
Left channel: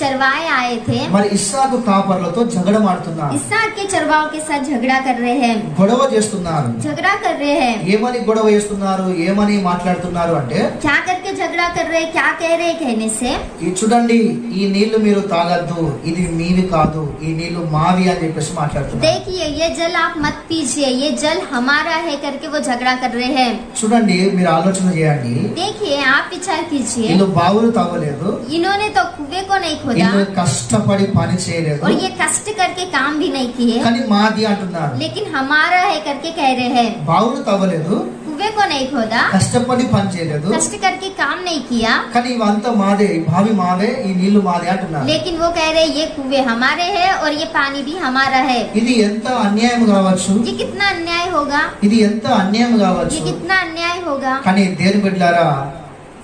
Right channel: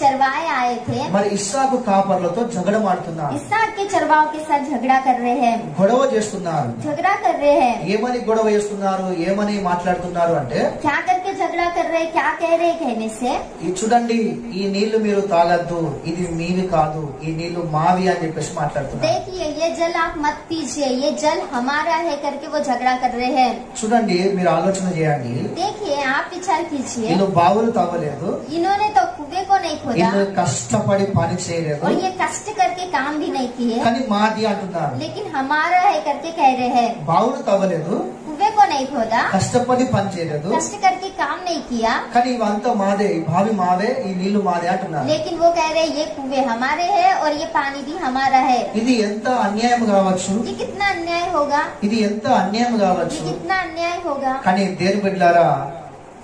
चरवाहे आए थे మరి ఇస్సాకు కాపర్లతో జగడమాడుతున్నారు, इसहाक के चरवाहों के साथ झगड़ा कर रहे हैं, గొడవ చేస్తున్నారు. झगड़ा कर रहे हैं। ఏమని గొడవ చేస్తున్నారు, ఏమని మాట్లాడుతున్నారు అంటే, क्या करके झगड़ा कर रहे हैं, क्या कह रहे हैं कहने से? ఈ చూడండి, ఈ నీళ్లు మీరు తాగద్దు, ఇది మీవి కాదు, ఈ నీళ్లు మావి అని చెప్పేసి మాట్లాడుతున్నారు. देखिए, ये जल आप मत पीजिए, ये जल हमारा है करके वो झगड़ा कर रहे हैं। చూడండి, మీరు ఆలోచన చేయండి. देखिए, आप विचार कीजिए, వీళ్ళు బావులు తవ్వలేదు, इन्होंने तो कुएं को नहीं खोदा వీళ్ళు కష్టపడి పని చేయలేదు, और ये कष्ट करके काम भी नहीं किए, కానీ మాది అంటున్నారు. लेकिन हमारा है करके कह रहे हैं। బావులు తవ్వలేదు, कुएं को नहीं खोदा, కష్టపడి పని చేయలేదు, कष्ट करके काम नहीं किया, కానీ ఇవంతా మాదే, ఈ బావి మాదే, ఈ నీళ్లు మాదే అంటున్నారు. लेकिन वो कह रहे हैं ये कुएं हमारे हैं और ये पानी भी हमारा है। ఇది ఎంత అన్యాయం కావచ్చు, ये कितना अन्याय होगा, ఇది ఎంత అన్యాయం ये కావచ్చు. कितना अन्याय होगा। కానీ దేవుని బిడ్డలారా,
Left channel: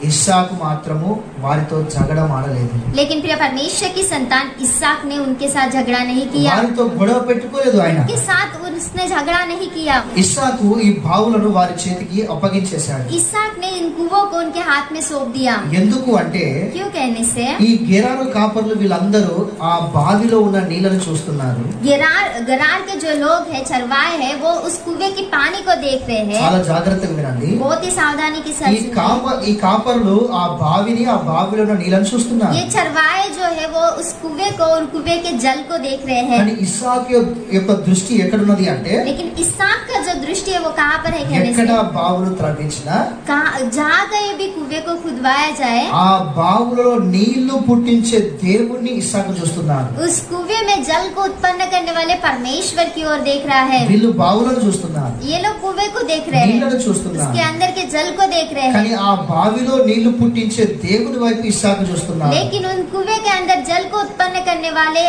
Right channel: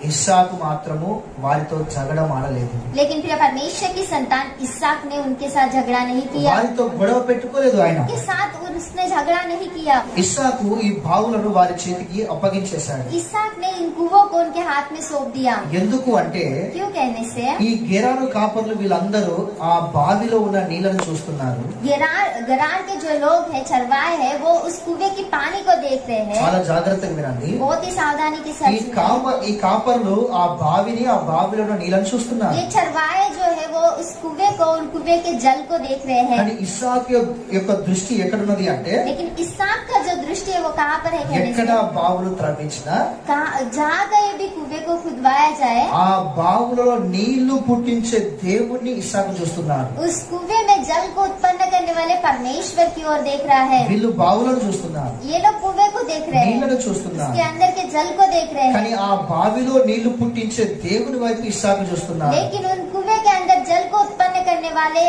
ఇస్సాకు మాత్రము వారితో జగడం ఆడలేదు, लेकिन प्रिय परमेश्वर की संतान इसहाक ने उनके साथ झगड़ा नहीं किया, వారితో గొడవ పెట్టుకోలేదు. ఆయన उनके साथ उसने झगड़ा नहीं किया। ఇస్సాకు ఈ బావులను వారి చేతికి అప్పగించేశాడు. इसहाक ने इन कुओं को उनके हाथ में सौंप दिया। ఎందుకు అంటే, क्यों कहने से? ఈ గెరారు కాపర్లు వీళ్ళందరూ ఆ బావిలో ఉన్న నీళ్లను చూస్తున్నారు. गरार के जो लोग हैं, चरवाहे हैं, वो उस कुएं की पानी को देख रहे हैं। చాలా జాగ్రత్తగా వినండి. बहुत ही सावधानी के ఈ साथ सुनिए। ఈ కాపర్లు ఆ బావిని, ఆ బావిలో ఉన్న నీళ్లను చూస్తున్నారు. ये चरवाहे जो है वो उस कुएं को और कुएं के जल को देख रहे हैं। కానీ ఇస్సాకు యొక్క దృష్టి ఎక్కడున్నది అంటే, लेकिन इसहाक का जो दृष्टि है वो कहाँ पर है कहने ఎక్కడ से? బావులు త్రవ్వించినా जहाँ कहीं भी कुएं को खुदवाया जाए, ఆ బావులలో నీళ్లు పుట్టించే దేవుణ్ణి ఇస్సాకు చూస్తున్నారు. उस कुएं में जल को उत्पन्न करने वाले परमेश्वर की ओर देख रहा है। వీళ్ళు బావులను చూస్తున్నారు, ये लोग कुएं को देख रहे हैं, నీళ్లను చూస్తున్నారు, उसके अंदर के जल को देख रहे కానీ हैं, ఆ బావిలో నీళ్లు పుట్టించే దేవుని వైపు ఇస్సాకు చూస్తున్నారు. लेकिन उन कुएं के अंदर जल को उत्पन्न करने वाले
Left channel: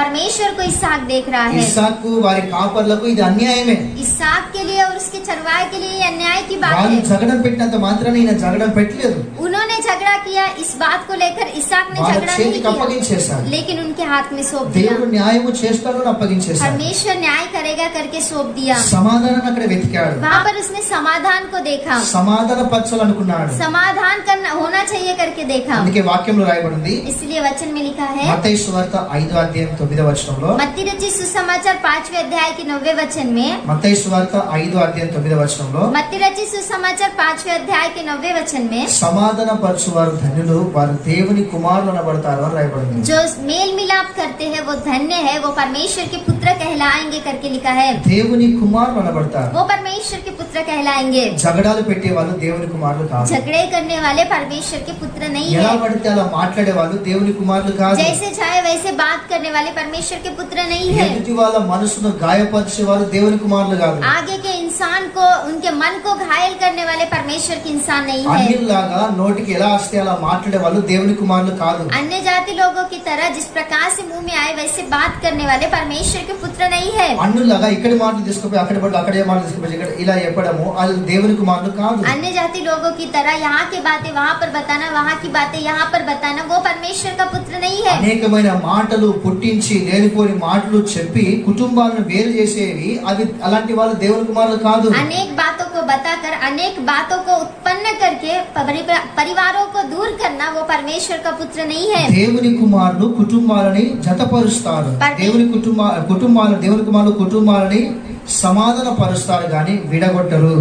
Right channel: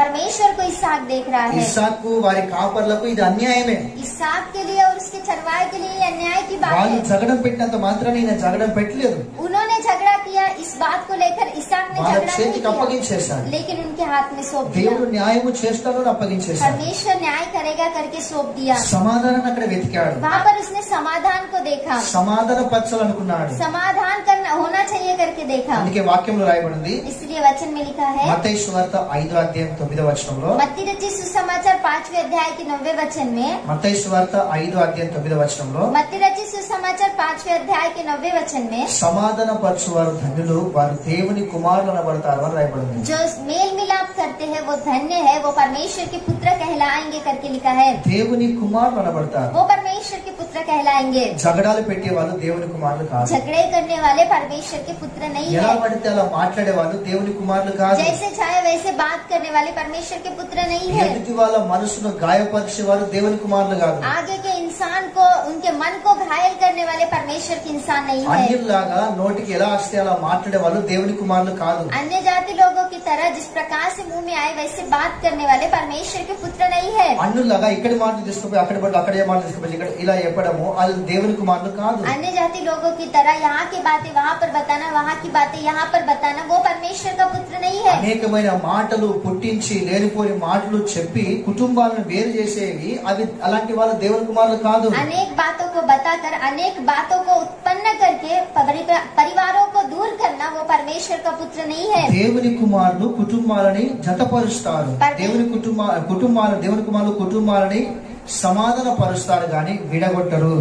परमेश्वर को इसहाक देख रहा है। ఇస్సాకు వారి కాపర్లకు ఇది అన్యాయమే. इसहाक के लिए और उसके चरवाहे के लिए ये अन्याय की बात వాళ్ళు है। జగడం పెట్టినంత మాత్రాన్ని ఈయన జగడం పెట్టలేదు, उन्होंने झगड़ा किया, इस बात को लेकर इसहाक ने వాళ్ళ झगड़ा नहीं చేతికి किया, అప్పగించేశాడు. लेकिन उनके हाथ में सौंप दिया। దేవుడు న్యాయము చేస్తాడు అని అప్పగించేశాడు. परमेश्वर न्याय करेगा करके सौंप दिया। సమాధానాన్ని అక్కడ వెతికాడు, वहाँ पर उसने समाधान को देखा, సమాధాన పరచాలనుకున్నాడు. समाधान करना होना चाहिए करके देखा। అందుకే వాక్యంలో రాయబడింది, इसलिए वचन में लिखा है, మత్తయి సువార్త 5వ అధ్యాయం 9వ వచనంలో, मत्ती रचित सुसमाचार 5वें अध्याय के 9वें वचन में, మత్తయి సువార్త 5వ అధ్యాయం 9వ వచనంలో, मत्ती रचित सुसमाचार 5वें अध्याय के 9वें वचन में, సమాధాన పరచువారు ధన్యులు, వారు దేవుని కుమారులు అనబడతారు అని రాయబడింది. जो मेल मिलाप करते हैं वो धन्य है, वो परमेश्वर के पुत्र कहलाएंगे करके लिखा है। దేవుని కుమారులు అనబడతారు. वो परमेश्वर के पुत्र पुत्र कहलाएंगे। జగడాలు పెట్టే వాళ్ళు దేవుని కుమారులు కాదు. झगड़े करने वाले परमेश्वर के पुत्र नहीं ఎలా है। పడితే అలా మాట్లాడే వాళ్ళు దేవుని కుమారులు కాదు. जैसे चाहे वैसे बात करने वाले परमेश्वर के पुत्र नहीं है। ఎదుటి వాళ్ళ మనసును గాయపరిచే వారు దేవుని కుమారులు కాదు. आगे के इंसान को, उनके मन को घायल करने वाले परमेश्वर के इंसान नहीं है। అన్యుల్లాగా నోటికి ఎలా వస్తే అలా మాట్లాడే వాళ్ళు దేవుని కుమారులు కాదు. अन्य जाति लोगों की तरह जिस प्रकार से मुंह में आए वैसे बात करने वाले परमेश्वर के पुत्र नहीं है। అన్యుల్లాగా ఇక్కడి మాటలు తీసుకుపోయి అక్కడి పట్ల అక్కడే మాటలు తీసుకుపోయి ఇక్కడ ఇలా చెప్పడము అది దేవుని కుమారులు కాదు. अन्य जाति लोगों की तरह यहाँ की बातें वहाँ पर बताना, वहाँ की बातें यहाँ पर बताना, वो परमेश्वर का पुत्र नहीं है। అనేకమైన మాటలు పుట్టించి లేనిపోని మాటలు చెప్పి కుటుంబాలను వేరు చేసేవి అవి అలాంటి వాళ్ళు దేవుని కుమారులు కాదు. अनेक बातों को बताकर, अनेक बातों को उत्पन्न करके परिवारों को दूर करना, वो परमेश्वर का पुत्र नहीं है। దేవుని కుమారులు కుటుంబాలని జతపరుస్తారు. దేవుని కుమారులు కుటుంబాలని సమాధాన పరుస్తారు గాని విడగొట్టరు.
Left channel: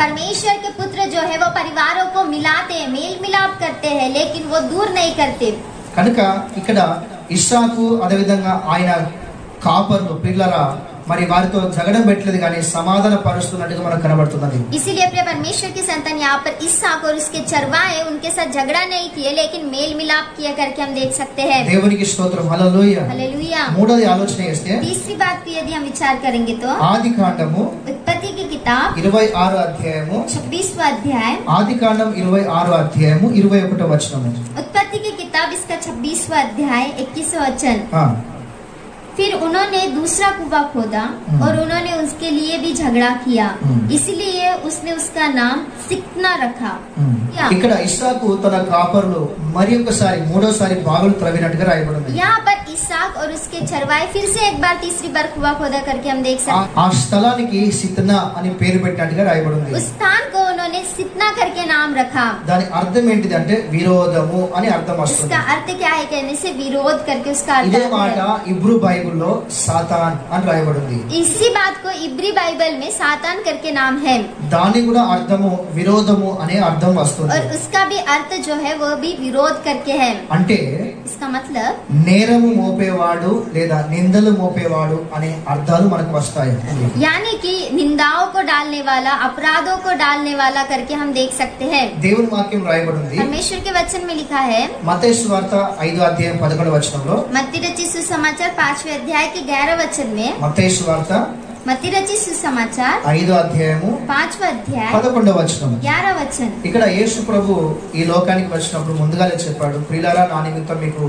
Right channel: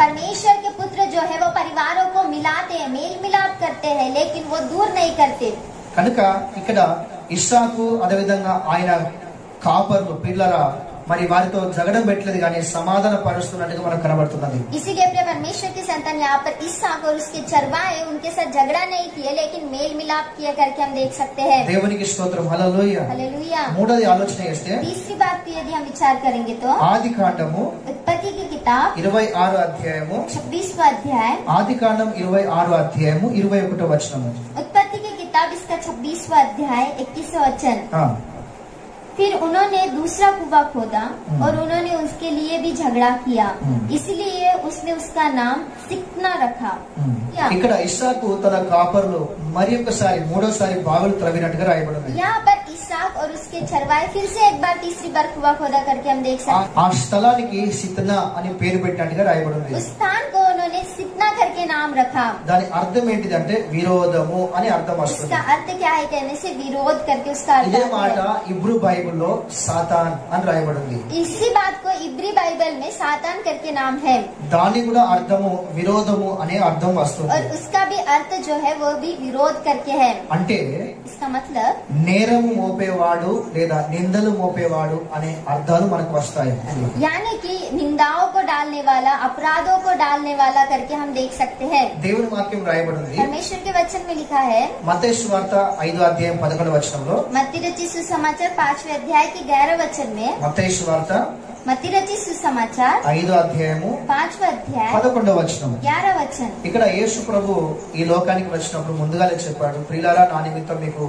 परमेश्वर के पुत्र जो है वो परिवारों को मिलाते हैं, मेल मिलाप करते हैं, लेकिन वो दूर नहीं करते। కనుక ఇక్కడ ఇస్సాకు అదేవిధంగా ఆయన కాపర్లు పిల్లరా మరి వారితో జగడం పెట్టలేదు కానీ సమాధాన పరుస్తున్నట్టుగా మనకు కనబడుతున్నది. इसीलिए अपने परमेश्वर की संतान यहाँ पर इसहाक और उसके चरवाहे उनके साथ झगड़ा नहीं किए, लेकिन मेल मिलाप किया करके हम देख सकते हैं। దేవునికి స్తోత్రం, హల్లెలూయా. हालेलुया। మూడోది ఆలోచన చేస్తే तीसरी बात को यदि हम विचार करेंगे तो ఆది కాండము उत्पत्ति की किताब 26 అధ్యాయము 26वां अध्याय, ఆది కాండం 26 అధ్యాయము 21వ వచనము. उत्पत्ति की किताब इसका 26वां अध्याय 21वां वचन। ఆ, फिर उन्होंने दूसरा कुआं खोदा और उन्होंने उसके लिए भी झगड़ा किया, इसलिए उसने उसका नाम सिक्ना रखा। ఇక్కడ ఇస్సాకు తన కాపర్లు మరి ఒకసారి మూడోసారి బాగులు త్రవ్వినట్టుగా రాయబడింది. यहाँ पर इसहाक और उसके चरवाहे फिर से एक बार तीसरी बार कुआं खोदा करके हम देख सकते ఆ స్థలానికి సిత్నా అని పేరు పెట్టినట్టుగా రాయబడింది. हैं। उस स्थान को उन्होंने सितना करके नाम रखा। దాని అర్థం ఏంటిది అంటే విరోధము అని అర్థం వస్తుంది. इसका अर्थ क्या है कहने से विरोध करके उसका अर्थ ఇదే आता మాట है। ఇబ్రూ బైబిల్లో సాతాన్ అని రాయబడింది. इसी बात को इब्री बाइबल में सातान करके नाम है దాని కూడా అర్థము విరోధము అనే అర్థం వస్తుంది. और उसका भी अर्थ जो है वो भी विरोध करके है। అంటే इसका मतलब నేరము మోపేవాడు లేదా నిందలు మోపేవాడు అనే అర్థాలు మనకు వస్తాయి. यानी कि निंदाओं को डालने वाला, अपराधों को डालने वाला करके हम देख सकते हैं। దేవుని వాక్యం రాయబడింది परमेश्वर के वचन में लिखा है, మత్తయి సువార్త 5వ అధ్యాయం 11వ వచనంలో. मत्ती रचित सुसमाचार 5वें अध्याय के 11 वचन में, మత్తయి సువార్త मत्ती रचित सुसमाचार 5వ అధ్యాయము 5वां अध्याय 11వ వచనం. 11 वचन। ఇక్కడ యేసు ప్రభు ఈ లోకానికి వచ్చినప్పుడు ముందుగానే చెప్పాడు, ప్రియులారా నా నిమిత్తం మీకు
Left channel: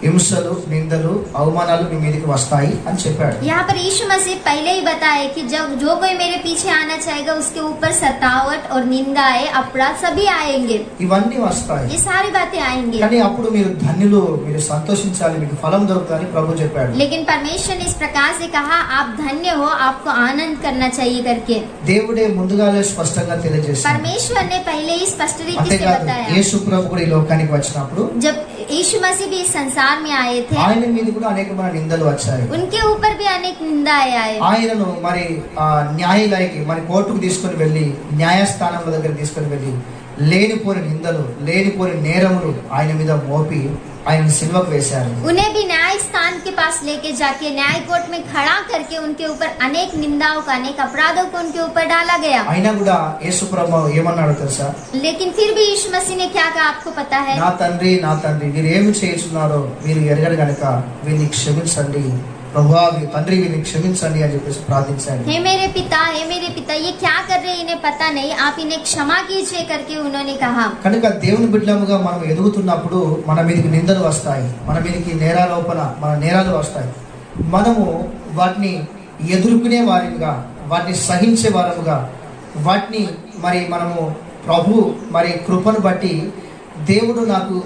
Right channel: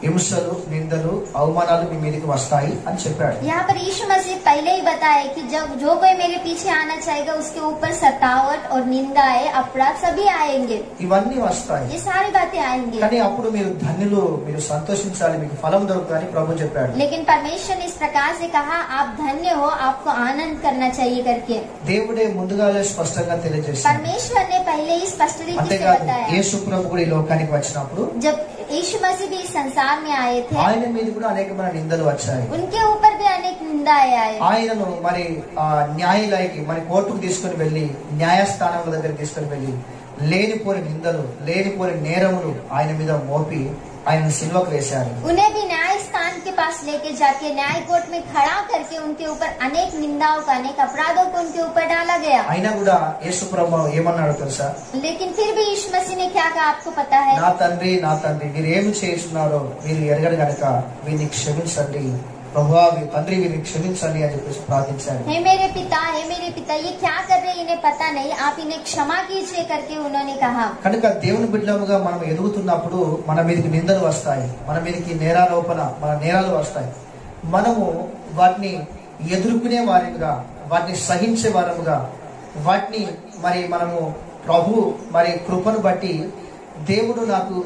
హింసలు నిందలు అవమానాలు మీ మీదకి వస్తాయి అని చెప్పాడు. यहाँ पर यीशु मसीह पहले ही बताया कि जब जो कोई मेरे पीछे आना चाहेगा उसके ऊपर सतावट और निंदाएं, अपराध सभी आएंगे, ఇవన్నీ వస్తాయి. ये सारी बातें आएंगी। కానీ అప్పుడు మీరు ధన్యులు, మీరు సంతోషించాలి, మీకు ఫలం దొరుకుతుందని ప్రభు చెప్పాడు. लेकिन परमेश्वर ने इस प्रकार से कहा, आप धन्य हो, आपको आनंद करना चाहिए करके దేవుడే ముందుగానే స్పష్టంగా తెలియజేశాడు. परमेश्वर ने पहले ही स्पष्ट रीति से అంతేకాదు बताया। యేసు ప్రభు కూడా ఈ లోకానికి వచ్చినప్పుడు जब यीशु मसीह भी इस संसार में आए थे, ఆయన మీద కూడా అనేకమైన నిందలు వచ్చాయి. उनके ऊपर भी अनेक निंदाएं आए। ఆయనను మరి న్యాయాలయకి మరి కోర్టుకు తీసుకుని వెళ్లి న్యాయస్థానముల దగ్గర తీసుకుని వెళ్లి లేనిపోని నిందలు లేనిపోని నేరములు ఆయన మీద మోపి ఆయన సిల్వకు వేశారు. उन्हें भी न्याय स्थान के पास लेके जाके न्याय कोर्ट में खड़ा करके उनके ऊपर अनेक निंदाओं का, अनेक अपराधों को उनके ऊपर डाला गया। అయినా కూడా యేసు ప్రభు ఏమన్నాడో తెలుసా? लेकिन फिर भी यीशु मसीह ने क्या कहा आपको पता है? నా తండ్రి మీరు ఏమి చేస్తున్నారో మీరు ఎరగరు గనుక వీరిని క్షమించండి ప్రభువా, తండ్రి వీరిని క్షమించండి అని చెప్పేసి ప్రార్థించాడు. हे मेरे पिता ये क्या कर रहे हैं इन्हें पता नहीं, आप इन्हें क्षमा कीजिए करके उन्होंने कहा। కనుక దేవుని బిడ్డలుగా మనం ఎదుగుతున్నప్పుడు మన మీదకి నిందలు వస్తాయి, మన మీదకి మన నేరాలు వస్తాయి. మనము వాటిని ఎదుర్కొనే వారిగా, వాటిని సహించే వారముగా, వాటిని మరి మనము ప్రభు మరి కృపను బట్టి దేవుడు నాకు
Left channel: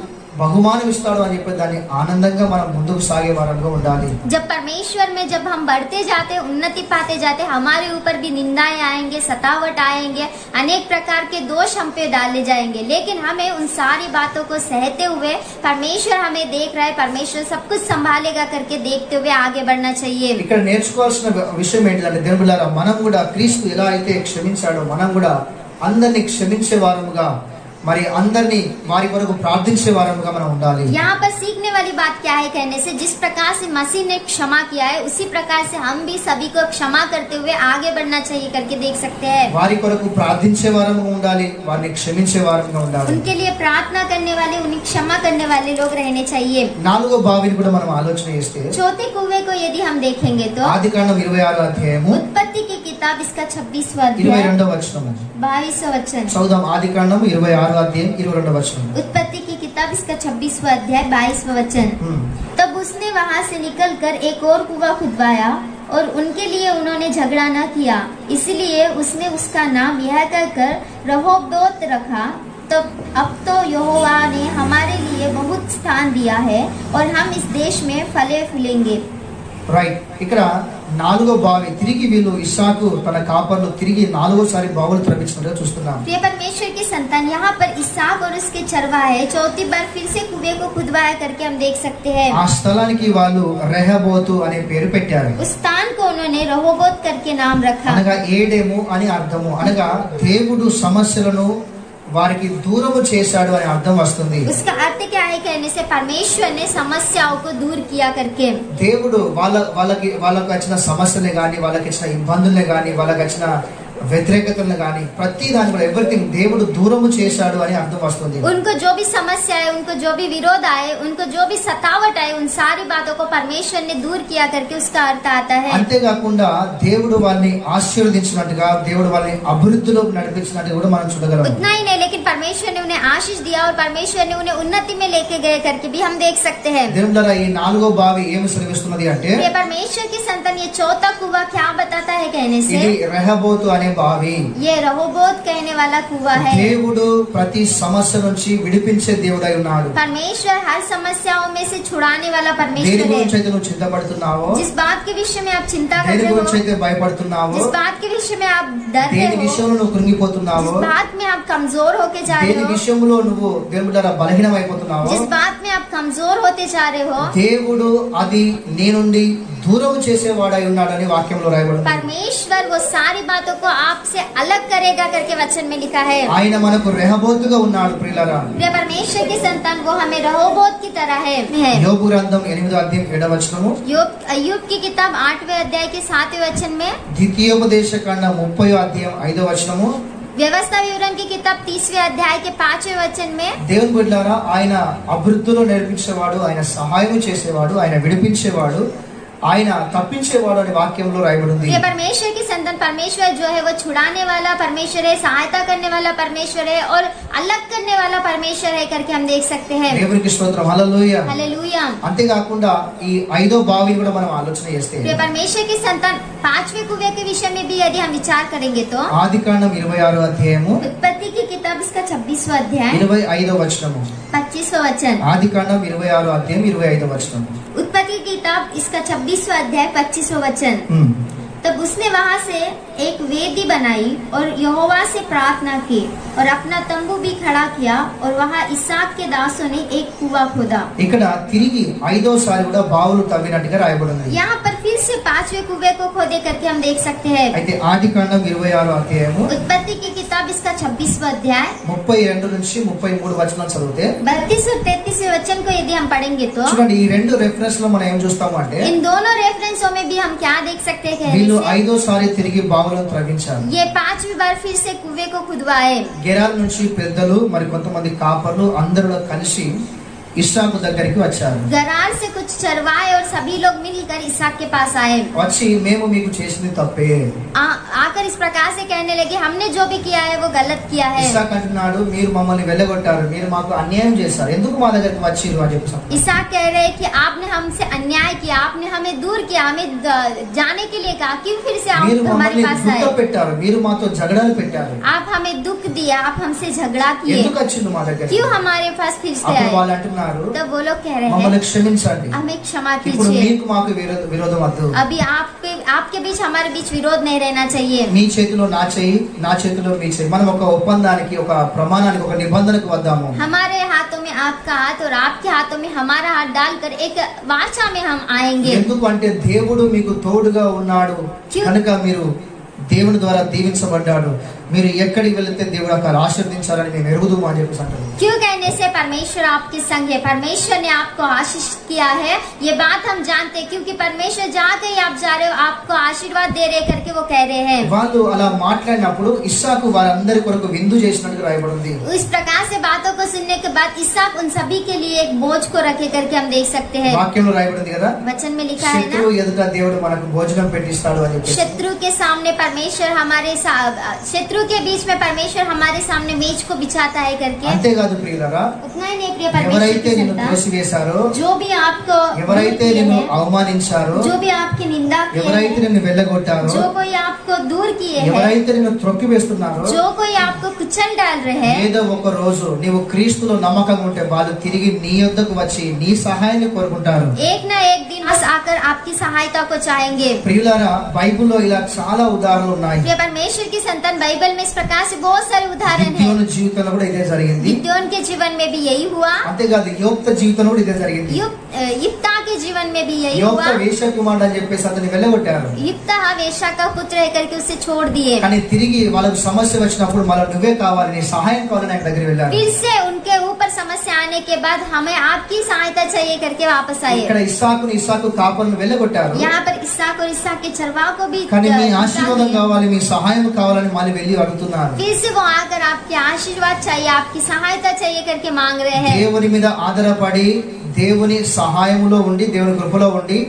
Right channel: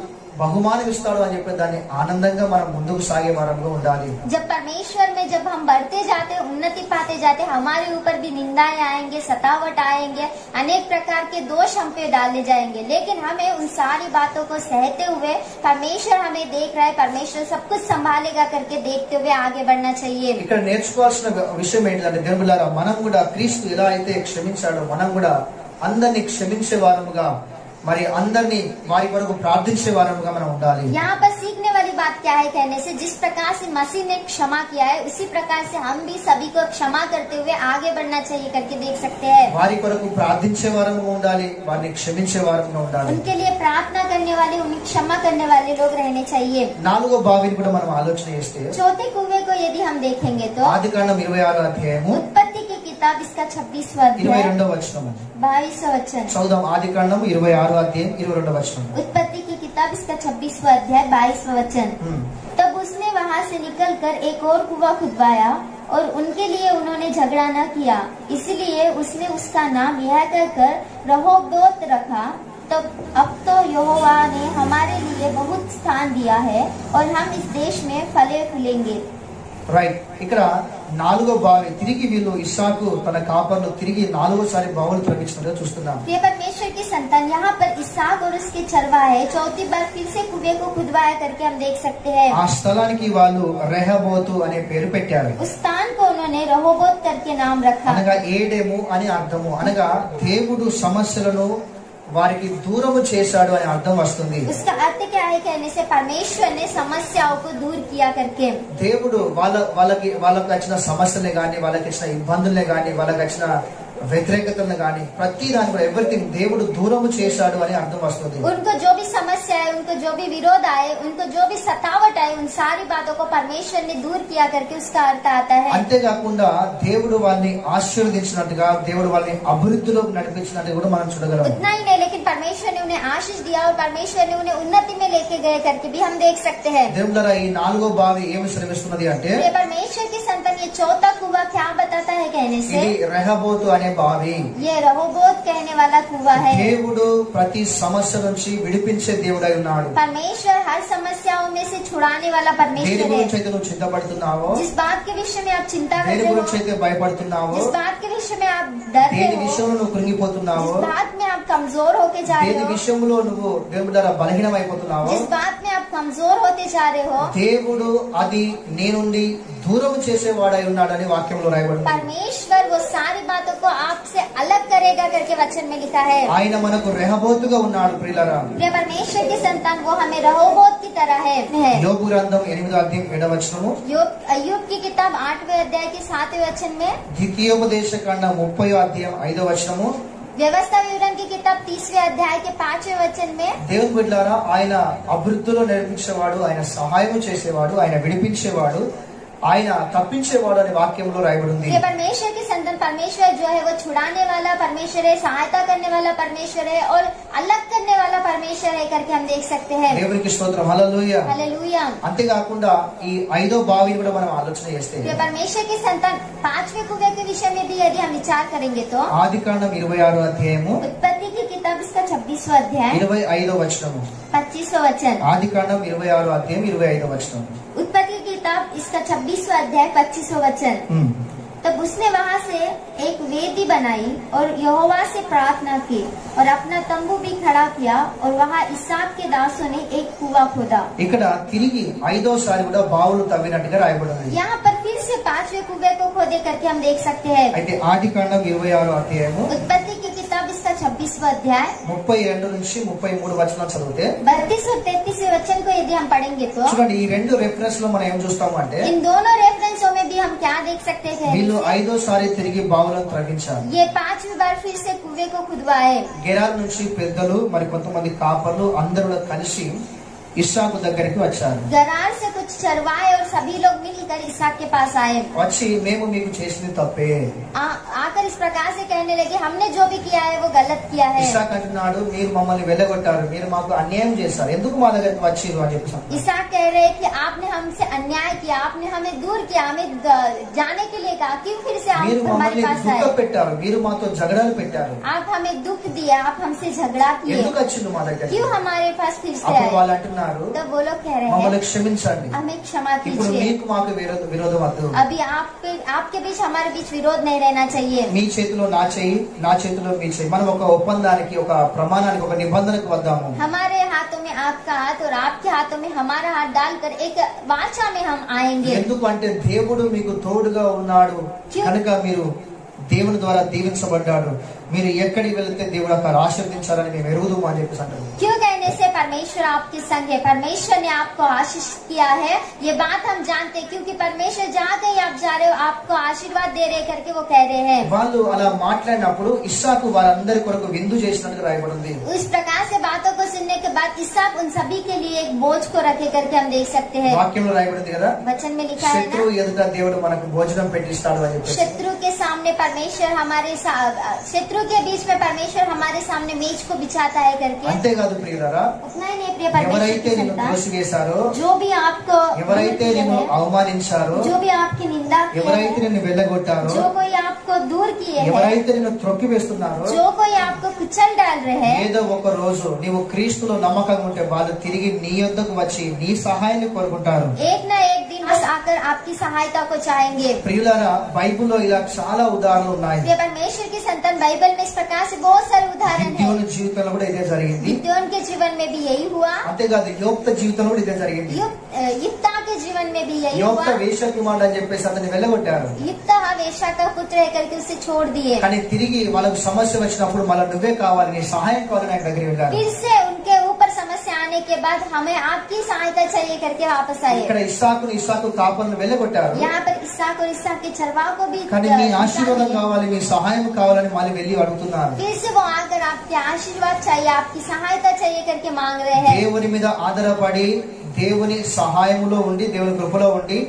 బహుమానం ఇస్తాడు అని చెప్పి దాన్ని ఆనందంగా మనం ముందుకు సాగే వారంగా ఉండాలి. जब परमेश्वर में जब हम बढ़ते जाते, उन्नति पाते जाते, हमारे ऊपर भी निंदाएं आएंगे, सतावट आएंगे, अनेक प्रकार के दोष हम पे डाले जाएंगे, लेकिन हमें उन सारी बातों को सहते हुए परमेश्वर हमें देख रहा है, परमेश्वर सब कुछ संभालेगा करके देखते हुए आगे बढ़ना चाहिए। ఇక్కడ నేర్చుకోవాల్సిన విషయం ఏంటంటే దేవుని బిడ్డలారా, మనం కూడా క్రీస్తు ఎలా అయితే క్షమించాడో మనం కూడా అందరినీ క్షమించే వారముగా, మరి అందరినీ వారి కొరకు ప్రార్థించే వారముగా మనం ఉండాలి. यहाँ पर सीखने वाली बात क्या है कहने से जिस प्रकार से मसीह ने क्षमा किया है उसी प्रकार से हम भी सभी को क्षमा करते हुए आगे बढ़ना चाहिए करके देख सकते हैं। వారి కొరకు ప్రార్థించే వారంగా ఉండాలి, వారిని క్షమించే వారంగా ఉండాలి। उनके लिए प्रार्थना करने वाले, उन्हें क्षमा करने वाले लोग रहने चाहिए। నాలుగో బావిని కూడా మనం ఆలోచన చేస్తే चौथे कुएं को यदि हम देखेंगे तो ఆదికాండం 26వ అధ్యాయము उत्पत्ति की किताब इसका 26वां अध्याय 22వ వచనము 22वां वचन। చదువుదాం। ఆదికాండం 26వ అధ్యాయం 22వ వచనం। उत्पत्ति की किताब इसका 26वां अध्याय 22वां वचन। तब उसने वहां से निकलकर एक और कुआं खुदवाया और उनके लिए उन्होंने झगड़ा न किया, इसलिए उसने उसका नाम यह कहकर रहोबोत रखा। तब अब तो यहोवा ने हमारे लिए बहुत स्थान दिया है और हम इस देश में फले फूलेंगे। రైట్, ఇక్కడ నాలుగో బావి తిరిగి వీళ్ళు ఇస్సాకు తన కాపర్లు తిరిగి నాలుగోసారి బావులు త్రవ్వించినట్టుగా చూస్తున్నాం। प्रिय परमेश्वर की संतान, यहाँ पर इसहाक और उसके चरवाहे चौथी बार फिर से कुएं को खुदवाया करके हम देख सकते हैं। ఆ స్థలానికి వాళ్ళు రెహబోతు అనే పేరు పెట్టారు। उस स्थान को उन्होंने रहोबोत करके नाम रखा। అనగా ఏడేము అని అర్థము, అనగా దేవుడు సమస్యలను వారికి దూరము చేశాడు అనే అర్థం వస్తుంది। उसका अर्थ क्या है कहने से परमेश्वर ने समस्याओं को दूर किया करके। దేవుడు వాళ్ళకి వచ్చిన సమస్యలే గాని, వాళ్ళకి వచ్చిన ఇబ్బందులే గాని, వాళ్ళకి వచ్చిన వ్యతిరేకతలను గాని ప్రతి దాన్ని కూడా ఎవ్రీథింగ్ దేవుడు దూరము చేశాడు అని అర్థం వస్తుంది। उनको जो भी समस्या है, उनको जो भी विरोध आए, उनको जो भी सतावट आए, उन सारी बातों को परमेश्वर ने दूर किया करके उसका अर्थ आता है। అంతేకాకుండా దేవుడు వాళ్ళని ఆశీర్వదించినట్టుగా, దేవుడు వాళ్ళని అభివృద్ధిలోకి నడిపించినట్టుగా కూడా మనం చూడగలం। उतना ही नहीं, लेकिन परमेश्वर ने उन्हें आशीष दिया और परमेश्वर ने उन्हें उन्नति में लेके गए करके भी हम देख सकते हैं। దేవుని ద్వారా ఈ నాలుగో బావి ఏమి శ్రమిస్తున్నది అంటే, ये परमेश्वर की संतान ये चौथा कुआं क्या बताता है कहने से, ఇది రెహబోతు అనే బావి। ये रहोबोत कहने वाला कुआं है। దేవుడు ప్రతి సమస్య నుంచి విడిపించే దేవుడై ఉన్నాడు। परमेश्वर हर समस्याओं में से छुड़ाने वाला దేని परमेश्वर గురించి है। అయితే నువ్వు చింతపడుతున్నావో, जिस बात के विषय में आप चिंता దేని करते గురించి हो, అయితే భయపడుతున్నావో, जिस बात के विषय में आप डरते దేని हो, విషయంలో నువ్వు కృంగిపోతున్నావో, जिस बात में आप कमजोर होके जा रहे దేని हो, విషయంలో నువ్వు దేవుడి ద్వారా బలహీనం అయిపోతున్నావో, जिस बात में आप कमजोर होते जा रहे हो, దేవుడు అది నీ నుండి దూరం చేసేవాడై ఉన్నాడని వాక్యంలో రాయబడింది। परमेश्वर वो सारी बातों को आपसे अलग करेगा करके वचन में लिखा है। ఆయన మనకు రెహబోతుగా ఉన్నాడు ప్రియులారా। प्रिय परमेश्वर की संतान, वो हमें रहोबोत की तरह है। యోబు గ్రంథం 8వ అధ్యాయం 7వ వచనము, अय्यूब की किताब 8वें अध्याय के 7वें वचन में, ద్వితీయోపదేశ కాండం 30వ అధ్యాయం 5వ వచనము, व्यवस्था विवरण की किताब 30वें अध्याय के 5वें वचन में, దేవుని బిడ్డలారా, ఆయన అభివృద్ధిలో నడిపించేవాడు, ఆయన సహాయం చేసేవాడు, ఆయన విడిపించేవాడు, ఆయన తప్పించేవాడు అనే వాక్యంలో రాయబడింది। ये परमेश्वर की संतान, परमेश्वर जो है वो छुड़ाने वाला परमेश्वर है, सहायता करने वाला परमेश्वर है और अलग करने वाला परमेश्वर है करके हम देख सकते हैं। దేవునికి స్తోత్రం, హల్లెలూయా। हालेलुया। అంతేకాకుండా ఈ ఐదో బావిని కూడా మనం ఆలోచన చేస్తే, ये परमेश्वर की संतान 5वें कुएं के विषय में भी यदि हम विचार करेंगे तो ఆదికాండం 26వ అధ్యాయము उत्पत्ति की किताब इसका 26वां अध्याय 25వ వచనము, 25वां वचन। ఆదికాండం 26వ అధ్యాయం 25వ వచనం। उत्पत्ति की किताब इसका 26वां अध्याय 25वां वचन। तब उसने वहां से एक वेदी बनाई और यहोवा से प्रार्थना की और अपना तंबू भी खड़ा किया और वहां इसहाक के दासों ने एक कुआं खोदा। ఇక్కడ తిరిగి ఐదోసారి కూడా బావులు తవ్వినట్టుగా రాయబడింది। यहाँ पर फिर से 5वें कुएं को खोदे करके हम देख सकते हैं। అయితే ఆదికాండం 26వ అధ్యాయము उत्पत्ति की किताब इसका 26वां अध्याय 32 నుంచి 33 వచనాలు చదివితే, 32 और 33 वचन को यदि हम पढ़ेंगे तो చూడండి ఈ రెండు రెఫరెన్స్ లో మనం ఏం చూస్తాము అంటే, इन दोनों रेफरेंसों में भी हम क्या देख सकते हैं, వీళ్ళు ఐదోసారి తిరిగి బావులను త్రవ్వించారు। ये 5वीं बार फिर से कुएं को खुदवाए। గెరార్ నుంచి పెద్దలు మరి కొంతమంది కాపర్లు అందరూ కలిసి ఇస్సాకు దగ్గరికి వచ్చారు। गरार से कुछ चरवाहे और सभी लोग मिलकर इसहाक के पास आए। వచ్చి మేము మీకు చేసింది తప్పే। आकर इस प्रकार से कहने लगे, हमने जो भी किया है वो गलत किया है। ఇస్సాకు అంటున్నాడు, మీరు మమ్మల్ని వెళ్ళగొట్టారు, మీరు మాకు అన్యాయం చేశారు, ఎందుకు మా దగ్గరికి వచ్చిరు అని చెప్పి। इसहाक कह रहे हैं कि आपने हमसे अन्याय किया, आपने हमें दूर किया, हमें जाने के लिए कहा, क्यों फिर से మీరు आप हमारे మమ్మల్ని पास దుఃఖ आए? పెట్టారు, మీరు మాతో జగడాలు పెట్టారు, आप हमें दुख दिया, आप हमसे झगड़ा किए, ఎందుకు వచ్చిండు మా దగ్గరికి? क्यों हमारे पास फिर से అప్పుడు आए? వాళ్ళు అంటున్నారు, तब वो लोग कह रहे మమ్మల్ని हैं, క్షమించండి, हमें क्षमा ఇప్పుడు कीजिए, మీకు మాకు విరోధం వద్దు, अभी आपके बीच हमारे बीच विरोध नहीं रहना चाहिए। మీ చేతిలో నా చెయ్యి, నా చేతిలో మీ చెయ్యి, మనం ఒక ఒప్పందానికి, ఒక ప్రమాణానికి, ఒక నిబంధనకు వద్దాము। हमारे हाथों में आपका हाथ और आपके हाथों में हमारा हाथ डालकर एक वाचा में हम आएंगे। ఎందుకు అంటే దేవుడు మీకు తోడుగా ఉన్నాడు కనుక మీరు దేవుని ద్వారా దీవించబడ్డాడు. మీరు ఎక్కడికి వెళితే దేవుడు అక్కడ ఆశీర్వదించాలని మేము ఎరుగుదు అని చెప్పేసి అంటారు. क्यों कहने से परमेश्वर आपके संग है, परमेश्वर ने आपको आशीष किया है, ये बात हम जानते हैं, क्योंकि परमेश्वर जहाँ कहीं आप जा रहे हो आपको आशीर्वाद दे रहे करके वो कह रहे हैं. వాళ్ళు అలా మాట్లాడినప్పుడు ఇస్సాకు వారందరి కొరకు విందు చేసినట్టు రాయబడింది. इस प्रकार से बातों को सुनने के बाद इसहाक उन सभी के लिए एक बोझ को रखे करके हम देख सकते हैं. వాక్యంలో రాయబడింది కదా, वचन में लिखा है శత్రువు ना, ఎదుట దేవుడు మనకు భోజనం పెట్టిస్తాడు అని చెప్పేసి. शत्रु के सामने परमेश्वर शत्रु के बीच में परमेश्वर हमारे सामने मेज को बिछाता है करके. అంతేకాదు ప్రియులారా, उतना ही नहीं प्रिय परमेश्वर ఎవరైతే की నిన్ను संतान, త్రోసివేశారో, जो भी आपको ఎవరైతే నిన్ను అవమానించారో, जो भी आपकी निंदा की ఎవరైతే है, నిన్ను వెళ్ళగొట్టారో, जो कोई आपको दूर किए हैं, ఎవరైతే నిన్ను త్రొక్కివేస్తున్నారో, जो कोई आपको कुचल डाल रहे हैं, ఏదో ఒక రోజు నీవు క్రీస్తులో నమ్మకంగా ఉంటే వాళ్ళు తిరిగి నీ యొద్దకు వచ్చి నీ సహాయాన్ని కోరుకుంటారు. एक न एक दिन बस आकर आपकी सहायता को चाहेंगे. ప్రియులారా, బైబిల్లో ఇలా చాలా ఉదాహరణలు ఉన్నాయి. प्रिय परमेश्वर की संतान, बाइबल में इस प्रकार से बहुत सारे उदाहरण हैं. గిద్యోను జీవితంలో కూడా ఇదే జరిగింది. गिदोन के जीवन में भी यही हुआ, అంతేకాదు యోక్త జీవితంలో కూడా ఇదే జరిగింది. यिप्ता के जीवन में भी यही యోక్త हुआ. వేశ్య కుమారుడు అని చెప్పేసి అతన్ని వెళ్ళగొట్టారు. यिप्ता वेश्या का पुत्र है करके उसे छोड़ दिए. కానీ తిరిగి వాళ్ళకు సమస్య వచ్చినప్పుడు మళ్ళీ నువ్వే కావాలి, నీ సహాయం కావాలని ఆయన దగ్గర వెళ్ళారు. फिर से उनके ऊपर समस्या आने के बाद हमें आपकी सहायता चाहिए करके वापस आए. ఇక్కడ ఇస్సాకు కాపరులను వెళ్ళగొట్టారు. यहाँ पर इसहाक और इसहाक के चरवाह को भी కానీ మీ निकाल ఆశీర్వాదం दिया. కావాలి, మీ సహాయం కావాలని మళ్ళీ వెళ్ళి అడుగుతున్నారు. फिर से वो आकर आपके आशीर्वाद चाहिए, आपकी सहायता चाहिए करके मांग रहे हैं. దేవుని మీద ఆధారపడి దేవుని సహాయంలో ఉండి దేవుని కృపలో ఉండి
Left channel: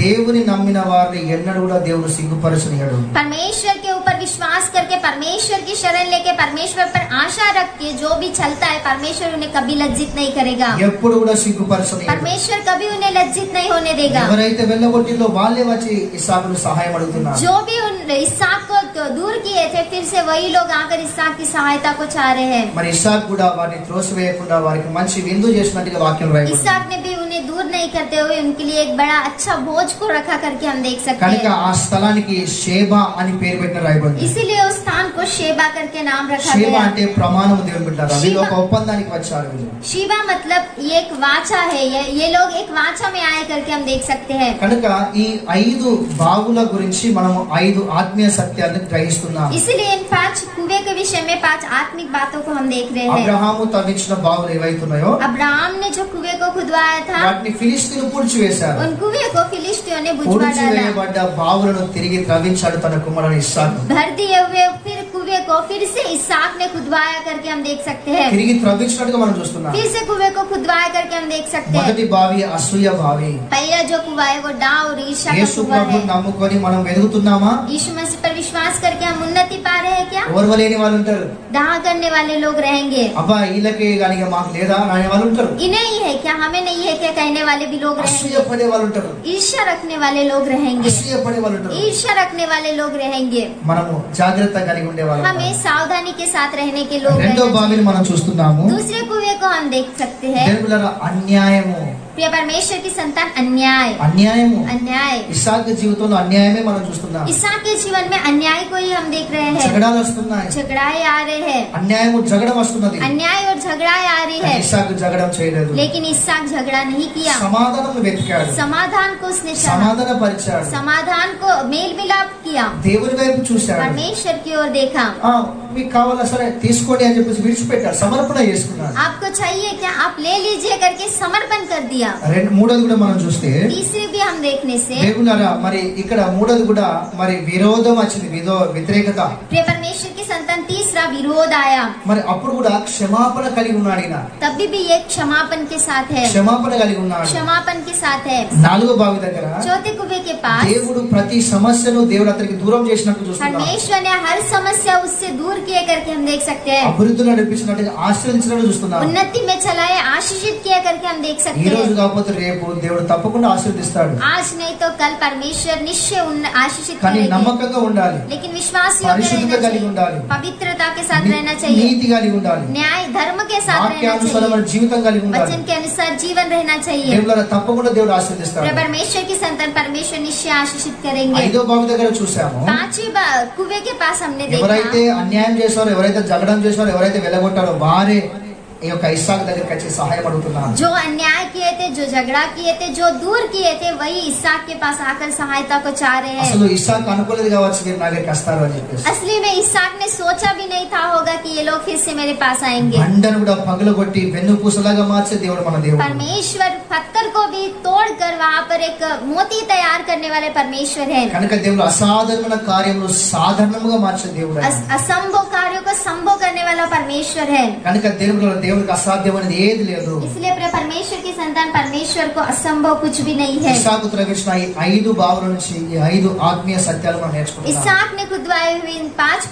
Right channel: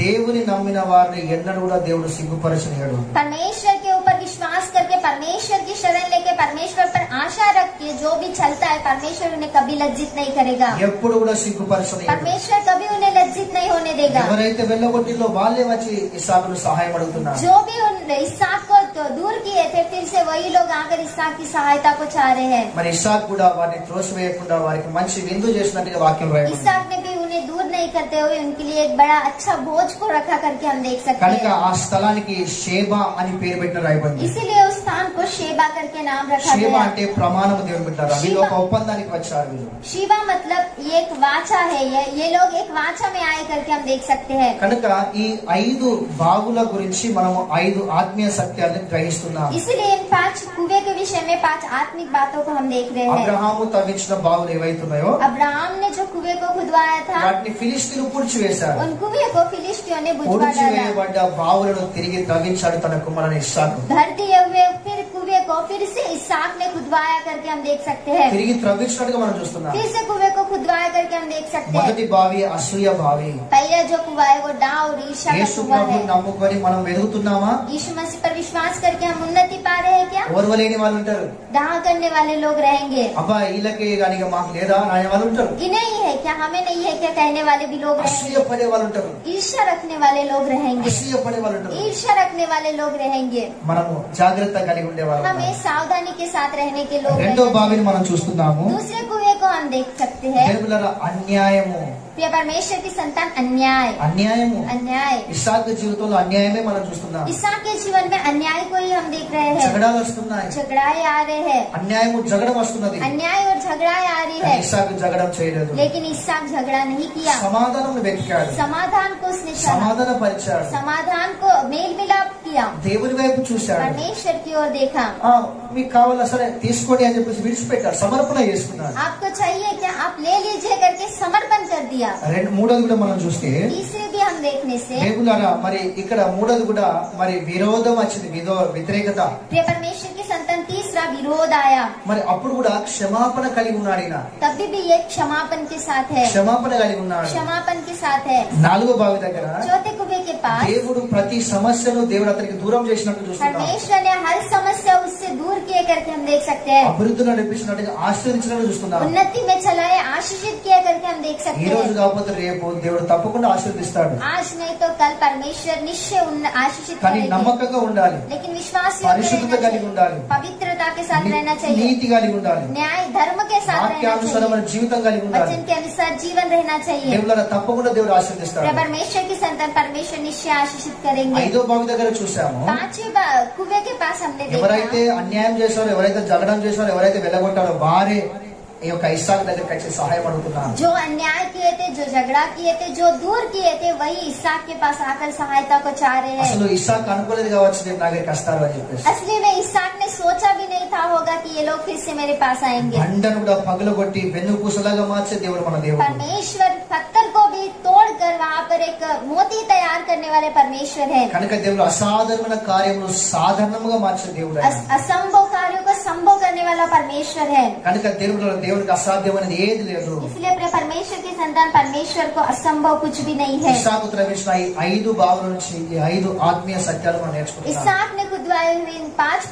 దేవుని నమ్మిన వారిని ఎన్నడూ కూడా దేవుడు సిగ్గుపరచనియడు. परमेश्वर के ऊपर विश्वास करके परमेश्वर की शरण लेके परमेश्वर पर आशा रख के जो भी चलता है परमेश्वर उन्हें कभी लज्जित नहीं करेगा. ఎప్పుడు కూడా సిగ్గుపరచనియడు. परमेश्वर कभी उन्हें लज्जित नहीं होने देगा. ఎవరైతే వెళ్ళగొట్టిందో వాళ్ళే వచ్చి ఇస్సాకును సహాయం అడుగుతున్నారు. जो भी उन इसहाक को तो दूर किए थे फिर से वही लोग आकर इसहाक की सहायता को चाह रहे हैं. మరి ఇస్సాకు కూడా వారిని త్రోసివేయకుండా వారికి మంచి విందు చేసినట్టుగా వాక్యం రాయబడింది. इसहाक ने भी उन्हें दूर नहीं करते हुए उनके लिए एक बड़ा अच्छा बोझ को रखा करके हम देख सकते కనుక हैं. ఆ స్థలానికి షేబా అని పేరు పెట్టిన రాయబడింది. इसीलिए उस स्थान को शेबा करके नाम रखा షేబా गया. అంటే ప్రమాణం దేవుని పెట్టారు. వీళ్ళు ఒక ఒప్పందానికి వచ్చారు. వీళ్ళు शिवा मतलब ये एक वाचा है, ये लोग एक वाचा में आए करके हम देख सकते हैं. కనుక ఈ 5 బావుల గురించి మనము 5 ఆత్మీయ సత్యాలను గ్రహిస్తున్నాం. इसीलिए इन 5 कुएं के विषय में 5 आत्मिक बातों को हम देख रहे हैं. అబ్రహాము తవ్వించిన బావులు ఏవైతున్నాయో अब्राहम ने जो कुएं को खुदवाया था వాటిని ఫిలిస్తీన్లు పూడ్చివేశారు. उन कुएं को फिलिस्तीयों ने बुझवा डाला. పూడ్చివేయబడ్డ బావులను తిరిగి త్రవ్వించాడు తన కుమారుడు ఇస్సాకు. भर दिए हुए फिर कुएं को फिर से इसहाक ने खुदवाया करके हम देख सकते हैं. తిరిగి త్రవ్వించినట్టుగా మనం చూస్తున్నాం. फिर से कुएं को खुदवाया करके हम देख सकते हैं. మొదటి బావి అసూయ బావి. पहला जो कुआ है वो डा और ईर्ष्या का యేసు कुआ ప్రభువుని है. నమ్ముకొని మనం ఎదుగుతున్నామా? यीशु मसीह पर विश्वास करके हम उन्नति पा रहे हैं क्या? ఓర్వలేని వాళ్ళు ఉంటారు. दाह करने वाले लोग रहेंगे. అబ్బా వీళ్ళకి కానీ మాకు లేదా అనే వాళ్ళు ఉంటారు. इन्हें ही है क्या, हमें नहीं है क्या कहने वाले भी लोग అసూయ रहेंगे. పడే వాళ్ళు ఉంటారు. ईर्ष्या रखने वाले लोग रहेंगे. అసూయ పడే వాళ్ళు ఉంటారు. ईर्ष्या रखने वाले लोग रहेंगे. మనము జాగ్రత్త కలిగి ఉండేవాళ్ళం. हमें सावधानी के साथ रहने के लोग రెండో रहना బావిని మనం చూస్తున్నాము. चाहिए. दूसरे कुएं को हम देख सकते हैं. దేవుళ్ళ అన్యాయము. प्रिय परमेश्वर की संतान अन्याय అన్యాయము अन्याय ఇస్సాకు జీవితంలో అన్యాయమే మనం చూస్తున్నాం. इसहाक के जीवन में अन्याय को ही हम देख रहे हैं. జగడాలు వస్తున్నాయి. झगड़ाएं आ रहे हैं. అన్యాయము జగడం వస్తున్నది. अन्याय और झगड़ाएं आ रही है. ఇస్సాకు జగడం చేయలేదు. लेकिन इसहाक झगड़ा नहीं किया. సమాధానం వెతికాడు. समाधान को उसने चाहा. సమాధాన పరిచాడు. समाधान को मेल मिलाप किया. దేవుని వైపు చూశాడు. परमेश्वर की ओर देखा. మీకు కావాలా సరే తీసుకోండి అని చెప్పేసి విడిచిపెట్టాడు. సమర్పణ చేసుకున్నాడు. आपको चाहिए क्या, आप ले लीजिए करके समर्पण कर दिया. మూడోది కూడా మనం చూస్తే तीसरे भी हम देखने से దేవులారా మరి ఇక్కడ మూడోది కూడా మరి విరోధం వచ్చింది. వ్యతిరేకత. प्रिय परमेश्वर की संतान तीसरा विरोध आया. మరి అప్పుడు కూడా క్షమాపణ కలిగి ఉన్నాడు. ఈయన तभी भी ये क्षमापन के साथ है. క్షమాపణ కలిగి ఉన్నాడు. क्षमापन के साथ है. 4వ బావి దగ్గర चौथे कुएं के पास దేవుడు ప్రతి సమస్యను దేవుడు అతనికి దూరం చేసినట్టు చూస్తున్నాం. परमेश्वर ने हर समस्या उससे दूर किए करके हम देख सकते हैं. అభివృద్ధిలో నడిపించినట్టు ఆశీర్వదించినట్టు చూస్తున్నాం. उन्नति में चलाए, आशीषित किया करके हम देख ఈ सकते రోజు हैं. కాకపోతే రేపు దేవుడు తప్పకుండా ఆశీర్వదిస్తాడు. आज नहीं तो कल परमेश्वर निश्चय आशीषित కానీ करेंगे. నమ్మకంగా ఉండాలి. लेकिन विश्वास పరిశుద్ధత కలిగి ఉండాలి. पवित्रता के साथ रहना चाहिए. నీతి కలిగి ఉండాలి. न्याय धर्म के साथ रहना వాక్యానుసారమైన चाहिए. జీవితం కలిగి ఉండాలి. वचन के अनुसार जीवन रहना चाहिए. దేవుళ్ళ తప్పకుండా దేవుడు ఆశీర్వదిస్తాడు. परमेश्वर की संतान परमेश्वर निश्चय आशीषित करेंगे. 5వ బావి దగ్గర చూసాము. पांचवी कुएं के पास हमने ఎవరైతే देखा అన్యాయం చేశారో, ఎవరైతే జగడం చేశారో, ఎవరైతే వెళ్ళగొట్టారో వారే ఈ యొక్క ఇస్సాకు దగ్గరికి వచ్చి సహాయం అడుగుతున్నాను. जो अन्याय किए थे, जो झगड़ा किए थे, जो दूर किए थे, वही इसहाक के पास आकर सहायता को चाह रहे हैं. అసలు ఇస్సాకు అనుకోలేదు కావచ్చు దేవుడు నా దగ్గరికి వస్తారు అని చెప్పేసి. असली में इसहाक ने सोचा भी नहीं था होगा कि ये लोग फिर से मेरे पास आएंगे. బండను కూడా పగలగొట్టి వెన్నుపూసలాగా మార్చే దేవుడు మన దేవుడు. परमेश्वर पत्थर को भी तोड़कर वहाँ पर एक मोती तैयार करने वाले परमेश्वर है. కనుక దేవుడు అసాధారణమైన కార్యములు సాధారణంగా మార్చే దేవుడు. असंभव कार्यों को संभव करने वाला परमेश्वर है. కనుక దేవుడికి అసాధ్యమైనది ఏది లేదు. इसलिए अपने परमेश्वर की संतान परमेश्वर को असंभव कुछ भी नहीं है. ఇస్సాకు త్రవించిన ఈ 5 భావాల నుంచి ఈ 5 ఆత్మీయ సత్యాలు మనం నేర్చుకుంటాం. इसहाक ने खुदवाए हुए इन 5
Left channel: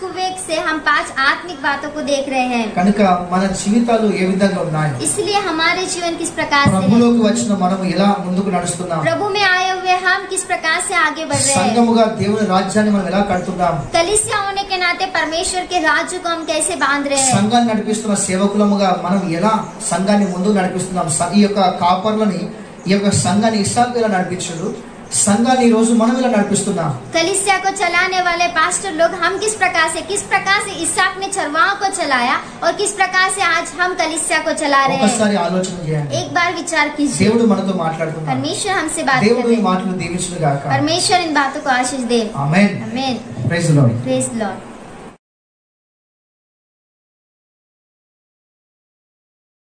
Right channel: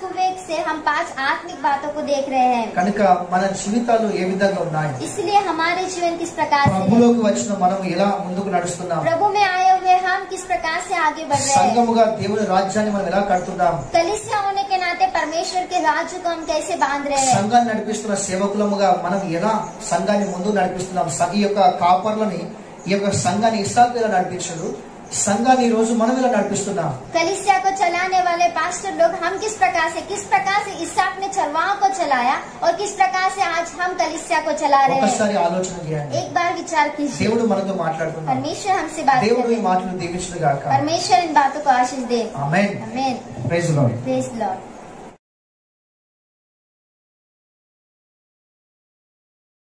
कुएं से हम 5 आत्मिक बातों को देख रहे हैं. కనుక మన జీవితాలు ఏ విధంగా ఉన్నాయి, इसलिए हमारे जीवन किस प्रकार से है, ప్రభులోకి వచ్చిన మనం ఎలా ముందుకు నడుస్తున్నాం, प्रभु में आए हुए हम किस प्रकार से आगे बढ़ रहे हैं, సంఘముగా దేవుని రాజ్యాన్ని మనం ఎలా కడుతున్నాం, कलीसिया होने के नाते परमेश्वर के राज्य को हम कैसे बांध रहे हैं, సంఘాన్ని నడిపిస్తున్న సేవకులముగా మనం ఎలా సంఘాన్ని ముందుకు నడిపిస్తున్నాం. ఈ యొక్క కాపర్లని ఈ యొక్క సంఘాన్ని ఇస్సాకు ఎలా నడిపించాడు, సంఘాన్ని ఈ రోజు మనం ఇలా నడిపిస్తున్నాం. कलीसिया को चलाने वाले पास्टर लोग हम किस प्रकार से इसहाक ने चरवाहों को चलाया और किस प्रकार से आज हम कलीसिया को चला रहे हैं. ఒకసారి ఆలోచన చేయండి. एक बार विचार कीजिए. దేవుడు మనతో మాట్లాడుతున్నాడు. परमेश्वर हमसे बात कर దేవుడు रहे ఈ हैं. మాటలు దీవించును గాక. परमेश्वर इन बातों को आशीष दे. ఆమేన్. आमीन. Praise the Lord. Praise Lord.